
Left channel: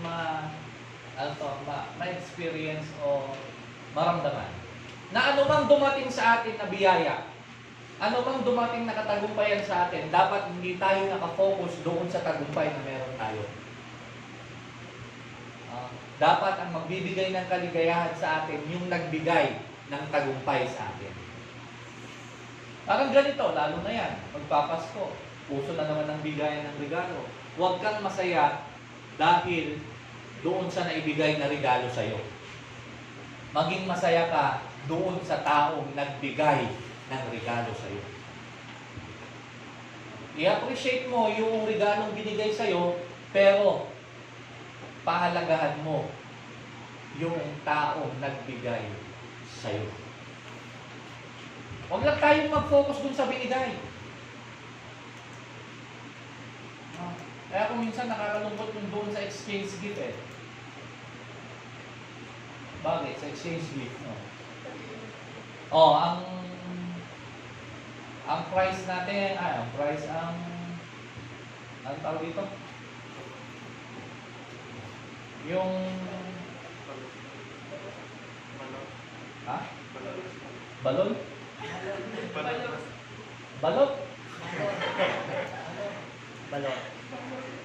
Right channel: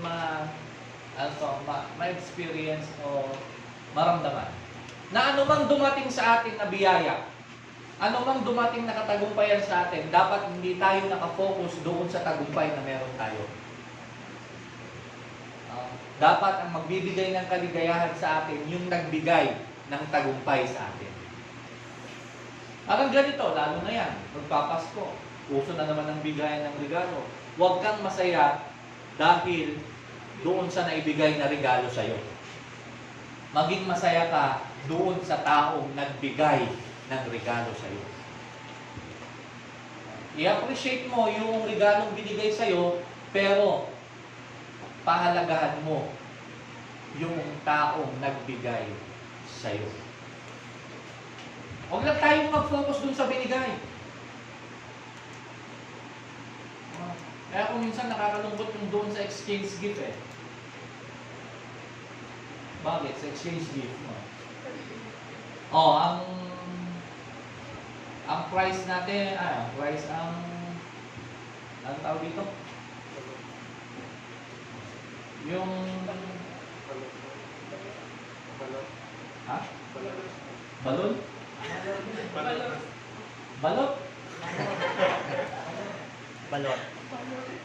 ma-experience o maramdaman. Na anumang dumating sa atin na biyaya, ano mang dumating na katagumpayan sa atin, dapat hindi tayo nakafocus doon sa tagumpay na meron tayo. Dapat ang magbibigay ng kaligayahan sa atin, yung nagbigay ng tagumpay sa atin. Parang ganito, lalo na yan, magpapasko. Uso na naman ang bigayan ng regalo. Huwag kang masaya dahil doon sa naibigay na regalo sa'yo. Maging masaya ka doon sa taong nagbigay ng regalo sa'yo. I-appreciate mo yung regalong binigay sa'yo, pero pahalagahan mo yung taong nagbigay sa'yo. Huwag lang tayong mag-focus dun sa binigay. Kaya kung minsan nakakalungkot yung doon sa exchange gift eh. Bakit? Sa exchange gift, no? Ang price natin, ang tawag dito? Yung ha? Balon? Balot?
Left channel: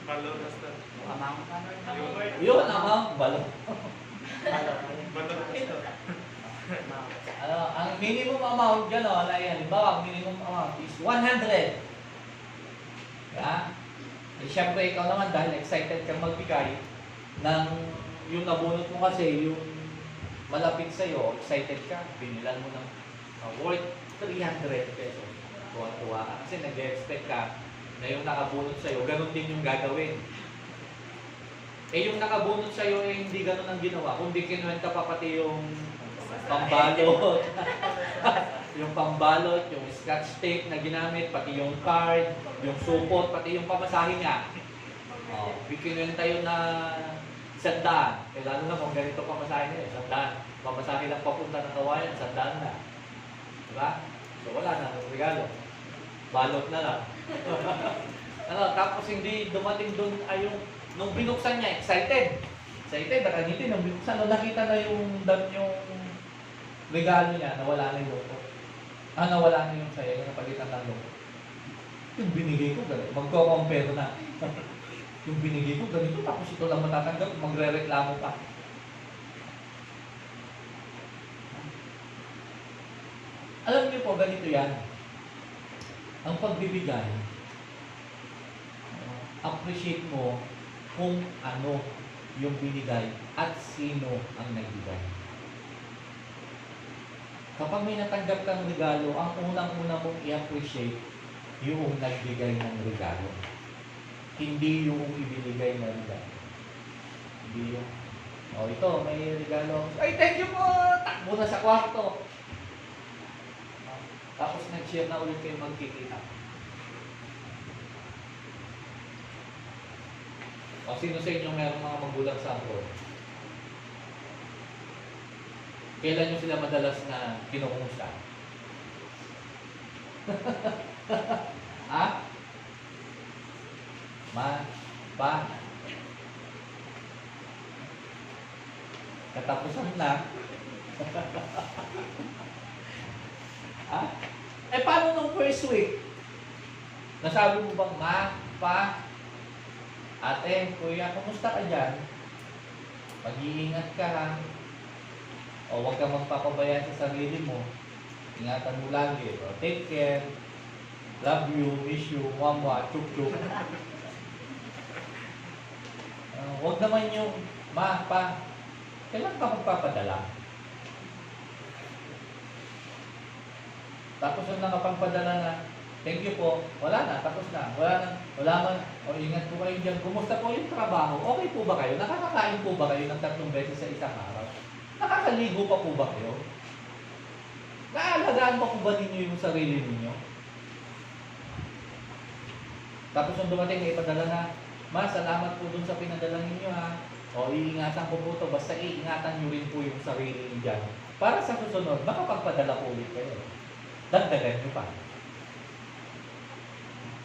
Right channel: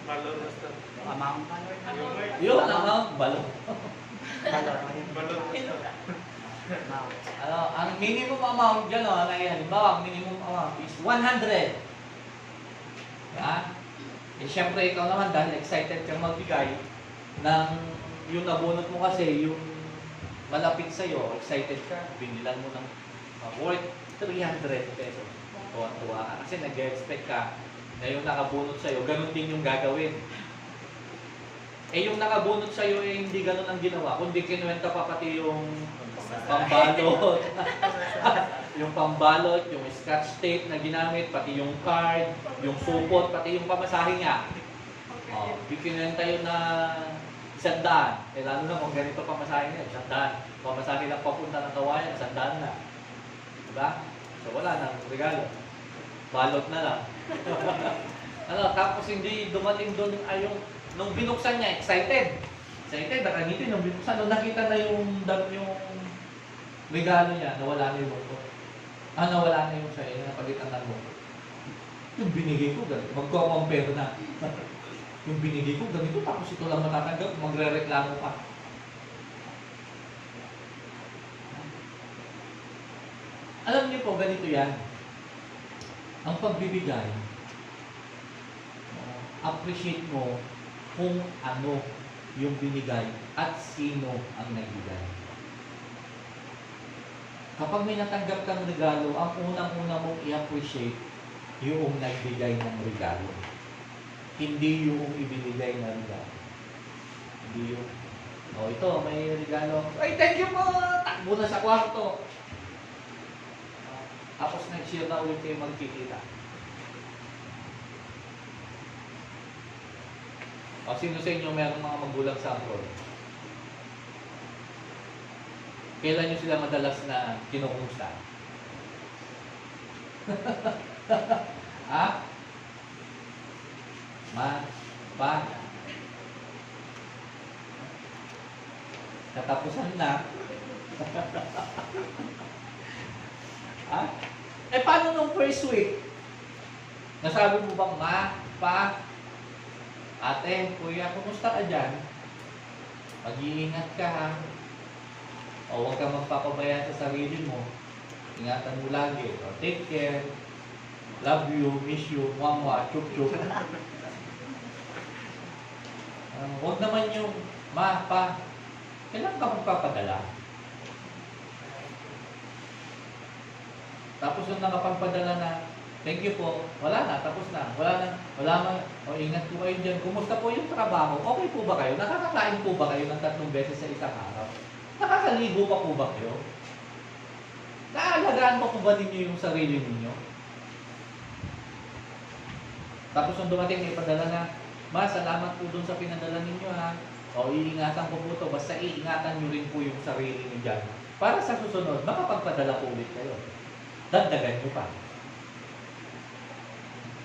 Balot. Yun, amount, balot. Ang minimum amount dyan, halimbawa, ang minimum amount is 100. Ha? Siyempre, ikaw naman, dahil excited kang magbigay, yung nabunot mo kasi, yung malapit sa'yo, excited ka, binilan mo ng worth 300 pesos. Tuwan-tuwa ka. Kasi nag-expect ka na yung nakabunot sa'yo, ganun din yung gagawin. Yung nakabunot sa'yo, hindi ganun ang ginawa, kundi kinuwenta pa pati yung pambalot. Yung pambalot, yung scotch tape na ginamit, pati yung card, yung supot, pati yung pamasahe niya. Kinuwenta yun na 100. Lalo na kung ganito pamasahe niya, 100. Pamasahe lang papunta ng kawayan, 100 na. Diba? So wala na, regalo. Balot na lang. Tapos hindi dumating doon ay nung binuksan niya, excited. Excited, nakangiti. Nung binuksan, nung nakita na yung regalo niya, nawala na yung boto. Nawala na yung sa'yo, napagitan ng boto. Yung binigay ko, magko-compare na. Yung binigay ko, ganito, tapos ito lang matatanggap, magre-reklamo pa. Alam niyo po, ganito yan. Ang pagbibigay, appreciate mo kung ano yung binigay at sino ang nagbigay. Kapag may natanggap kang regalo, ang unang-una mong i-appreciate yung nagbigay ng regalo. Hindi yung ibinigay na regalo. Hindi yung, ito, may regalo. Ay, thank you po! Takbo na sa kwarto. Tapos nag-share na ulit kayo magkikita. Sino sa inyo meron mga magulang sa abroad? Kailan nyo sila madalas na kinukumusta? Ha? Pa? Katapusan na. Ha? Paano nung first week? Nasabi mo bang, ma, pa, ate, kuya, kumusta ka dyan? Mag-iingat ka ha. O huwag kang magpapabayaan sa sarili mo. Ingatan mo lagi. O, take care. Love you, miss you, mwa, chuk chuk. Huwag naman yung, ma, pa, kailan ka magpapadala? Tapos yung nakapagpadala na, thank you po, wala na, tapos na. Wala man, ingat po kayo dyan. Kumusta po yung trabaho? Okay po ba kayo? Nakakakain po ba kayo ng 3 beses sa isang araw? Nakakaligo pa po ba kayo? Naalagaan pa po ba ninyo yung sarili ninyo? Tapos nung dumating, may padala na, ma, salamat po dun sa pinadala ninyo ha. O, iingatan ko po ito. Basta iingatan nyo rin po yung sarili nyo dyan. Para sa susunod, makapagpadala po ulit kayo. Dagdagan nyo pa.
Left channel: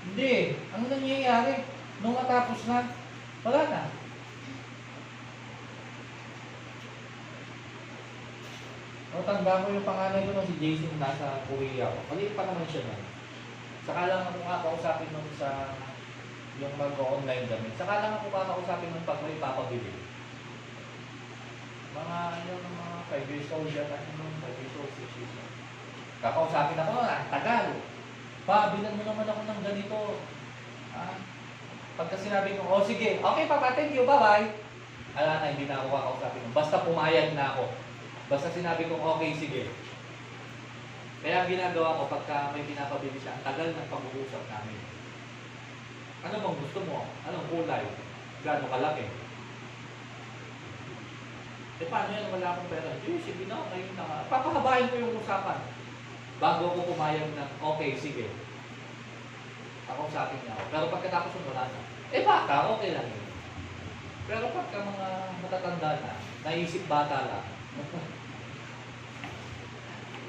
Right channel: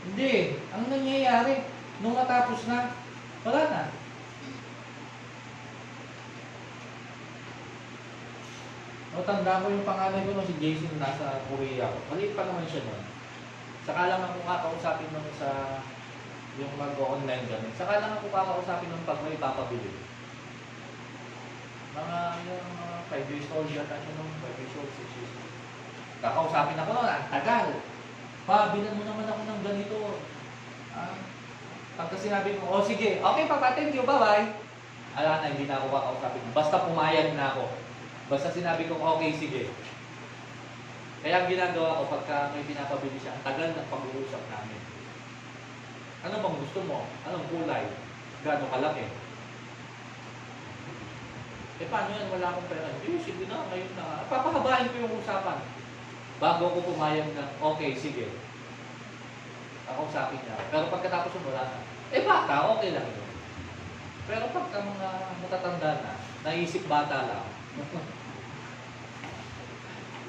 Hindi. Ang nangyayari, nung matapos na, wala na. Tanda ko yung panganay ko nung si Jason nasa Korea. Maliit pa naman siya nun. Saka lang ako kakausapin nung sa yung mag-online kami. Saka lang ako kakausapin nung pag may papabili. Mga yung mga 5 years old yata, yung 5 years old, 6 years old. Kakausapin ako, ang tagal. Pa, bilan mo naman ako ng ganito. Ah, pagka sinabi mo, oh sige, okay papa, thank you, bye-bye. Ala na, hindi na ako kakausapin. Basta pumayag na ako. Basta sinabi kong okay, sige. Kaya ang ginagawa ko pagka may pinapabili siya, ang tagal ng pag-uusap namin. Ano bang gusto mo? Anong kulay? Gaano kalaki? Eh paano yan? Wala akong pera. Eh sige na, kayo na. Papahabahin ko yung usapan. Bago ko pumayag na, okay, sige. Ako sa akin na. Pero pagkatapos yun, wala na. Eh bata, okay lang yun. Pero pagka mga matatanda na, naisip bata lang.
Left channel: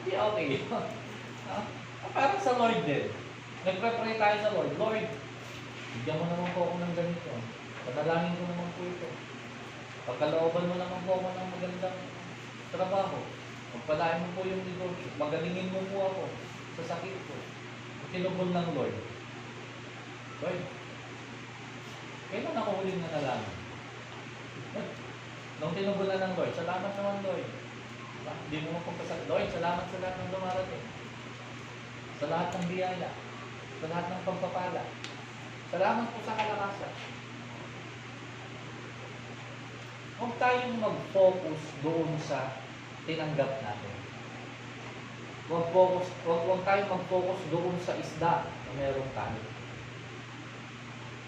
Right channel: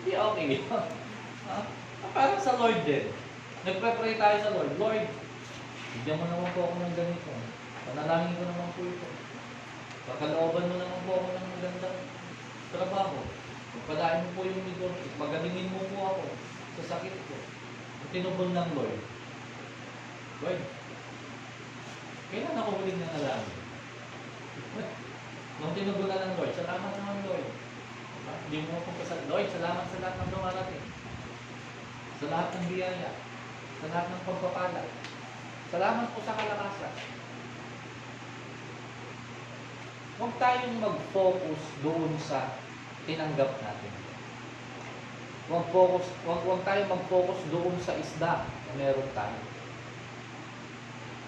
Hindi okay. Parang sa Lord din. Nagpre-pray tayo sa Lord. Lord, bigyan mo naman po ako ng ganito. Panalangin ko naman po ito. Pagkalooban mo naman po ako ng magandang trabaho. Pagpalain mo po yung negosyo. Pagalingin mo po ako sa sakit ko. Tinubon ng Lord. Lord, kailan ako huling nanalangin? Nung tinubon na ng Lord, salamat naman Lord. Hindi mo akong kasal. Lord, salamat sa lahat ng dumarating. Sa lahat ng biyaya. Sa lahat ng pagpapala. Salamat po sa kalakasan. Huwag tayong mag-focus doon sa tinanggap natin. Huwag tayong mag-focus doon sa isda na meron tayo.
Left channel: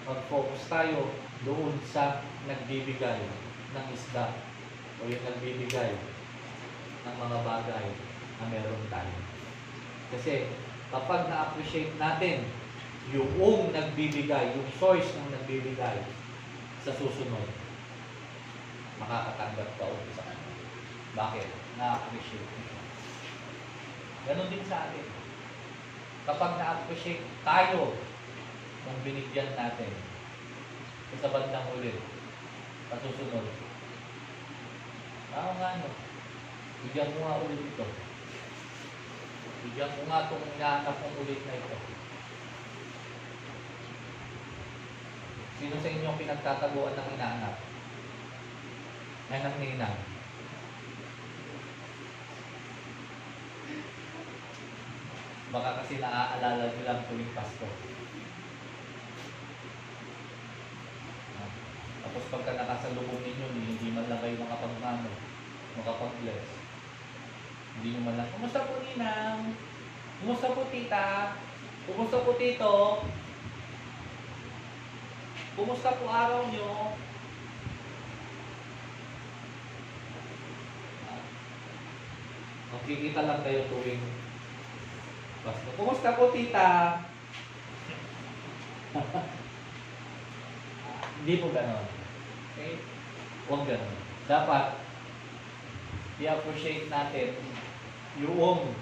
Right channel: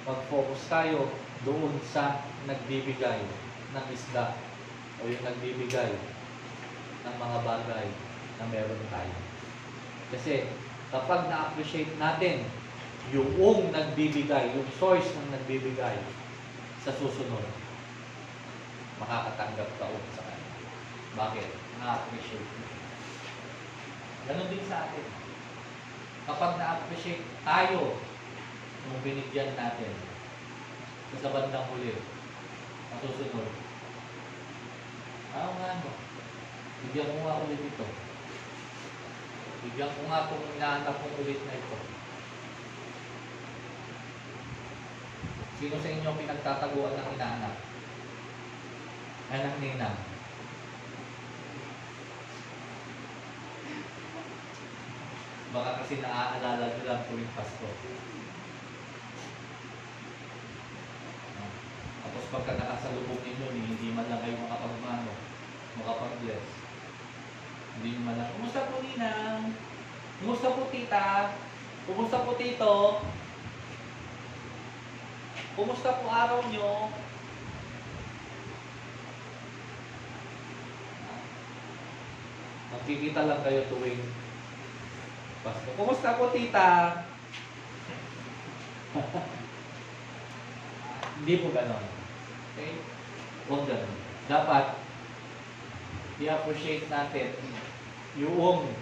Mag-focus tayo doon sa nagbibigay ng isda o yung nagbibigay ng mga bagay na meron tayo. Kasi kapag na-appreciate natin yung nagbibigay, yung source ng nagbibigay, sa susunod, makakatanggap ka ulit sa kanya. Bakit? Na-appreciate mo. Ganon din sa atin. Kapag na-appreciate tayo nung binigyan natin, sa bandang ulit, sa susunod, no? Bigyan mo nga ulit ito. Bigyan ko nga itong inaanap mong ulit na ito. Sino sa inyong pinagtataguan ng inaanak? Anak ninang. Baka kasi naaalala nyo lang tuwing Pasko. Tapos pagka nakasalubong ninyo, hindi man lang kayo makapag-bless. Hindi nyo man lang, kumusta po ninang? Kumusta po tita? Kumusta po tito? Kumusta po araw nyo? Magkikita lang kayo tuwing Pasko. Kumusta po tita? Hindi po ganon. Okay? Huwag ganon. Dapat i-appreciate natin yung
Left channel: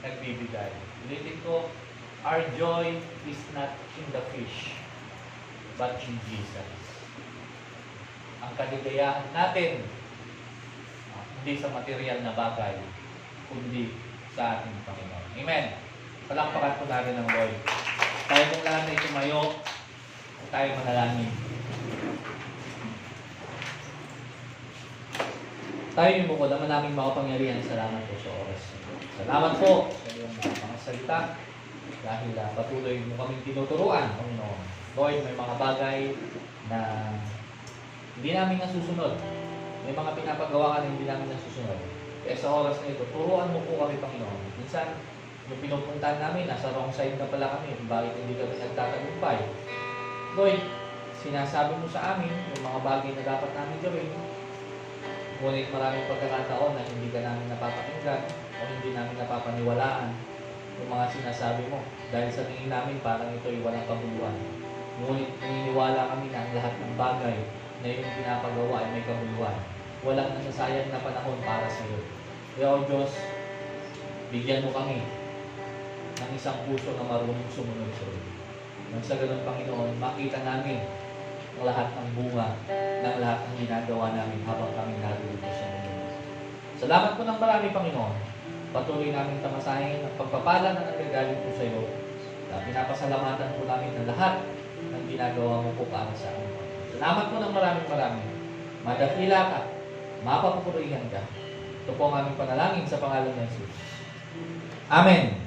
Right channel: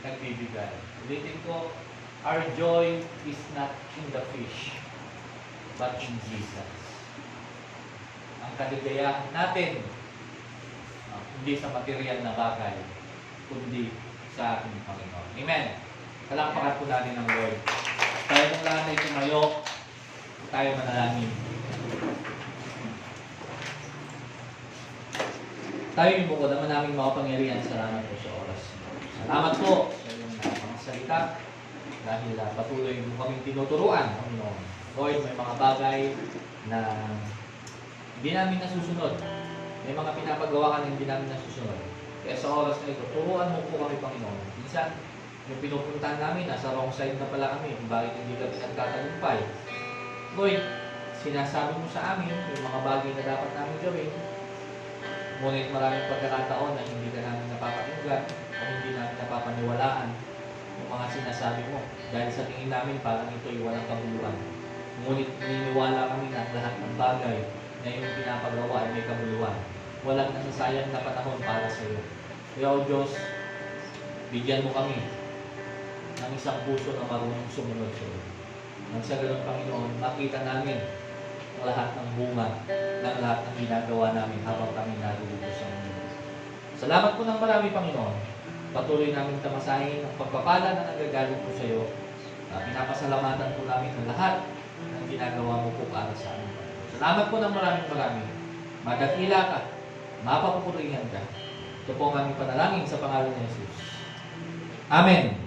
nagbibigay. Ulitin ko, our joy is not in the fish, but in Jesus. Ang kaligayahan natin, hindi sa material na bagay, kundi sa ating Panginoon. Amen. Palakpakan po natin ng Lord. Tayo kung lahat ay tumayo, tayo manalangin. Tayo yung bukod naman naming makapangyarihan. Salamat po sa oras. Salamat po sa iyong mga salita dahil patuloy mo kaming tinuturuan, Panginoon. Lord, may mga bagay na hindi namin nasusunod. May mga pinapagawa ka na hindi namin nasusunod. Kaya sa oras na ito, turuan mo po kami, Panginoon. Minsan, yung pinupuntahan namin, nasa wrong side na pala kami. Bakit hindi kami nagtatagumpay? Lord, sinasabi mo sa amin yung mga bagay na dapat namin gawin. Ngunit maraming pagkakataon na hindi ka namin napapakinggan o hindi namin napapaniwalaan yung mga sinasabi mo. Dahil sa tingin namin, parang ito ay walang kabuluhan. Ngunit naniniwala kami na ang lahat ng bagay na yung pinapagawa ay may kabuluhan. Walang nasasayang na panahon para sa iyo. Kaya o Diyos, bigyan mo kami ng isang puso na marunong sumunod sa iyo. Nang sa ganun, Panginoon, makita namin ang lahat ng bunga ng lahat ng ginagawa namin habang kami naluluto sa mundo. Salamat po ng marami, Panginoon. Patuloy namin tamasahin ang pagpapala na nagagaling po sa iyo. Pinapasalamatan po namin ang lahat ng ginagawa mo po para sa amin. Salamat po ng maraming. Madakila ka, mapapupurihan ka. Ito po ang aming panalangin sa pangalan ni Jesus. Amen.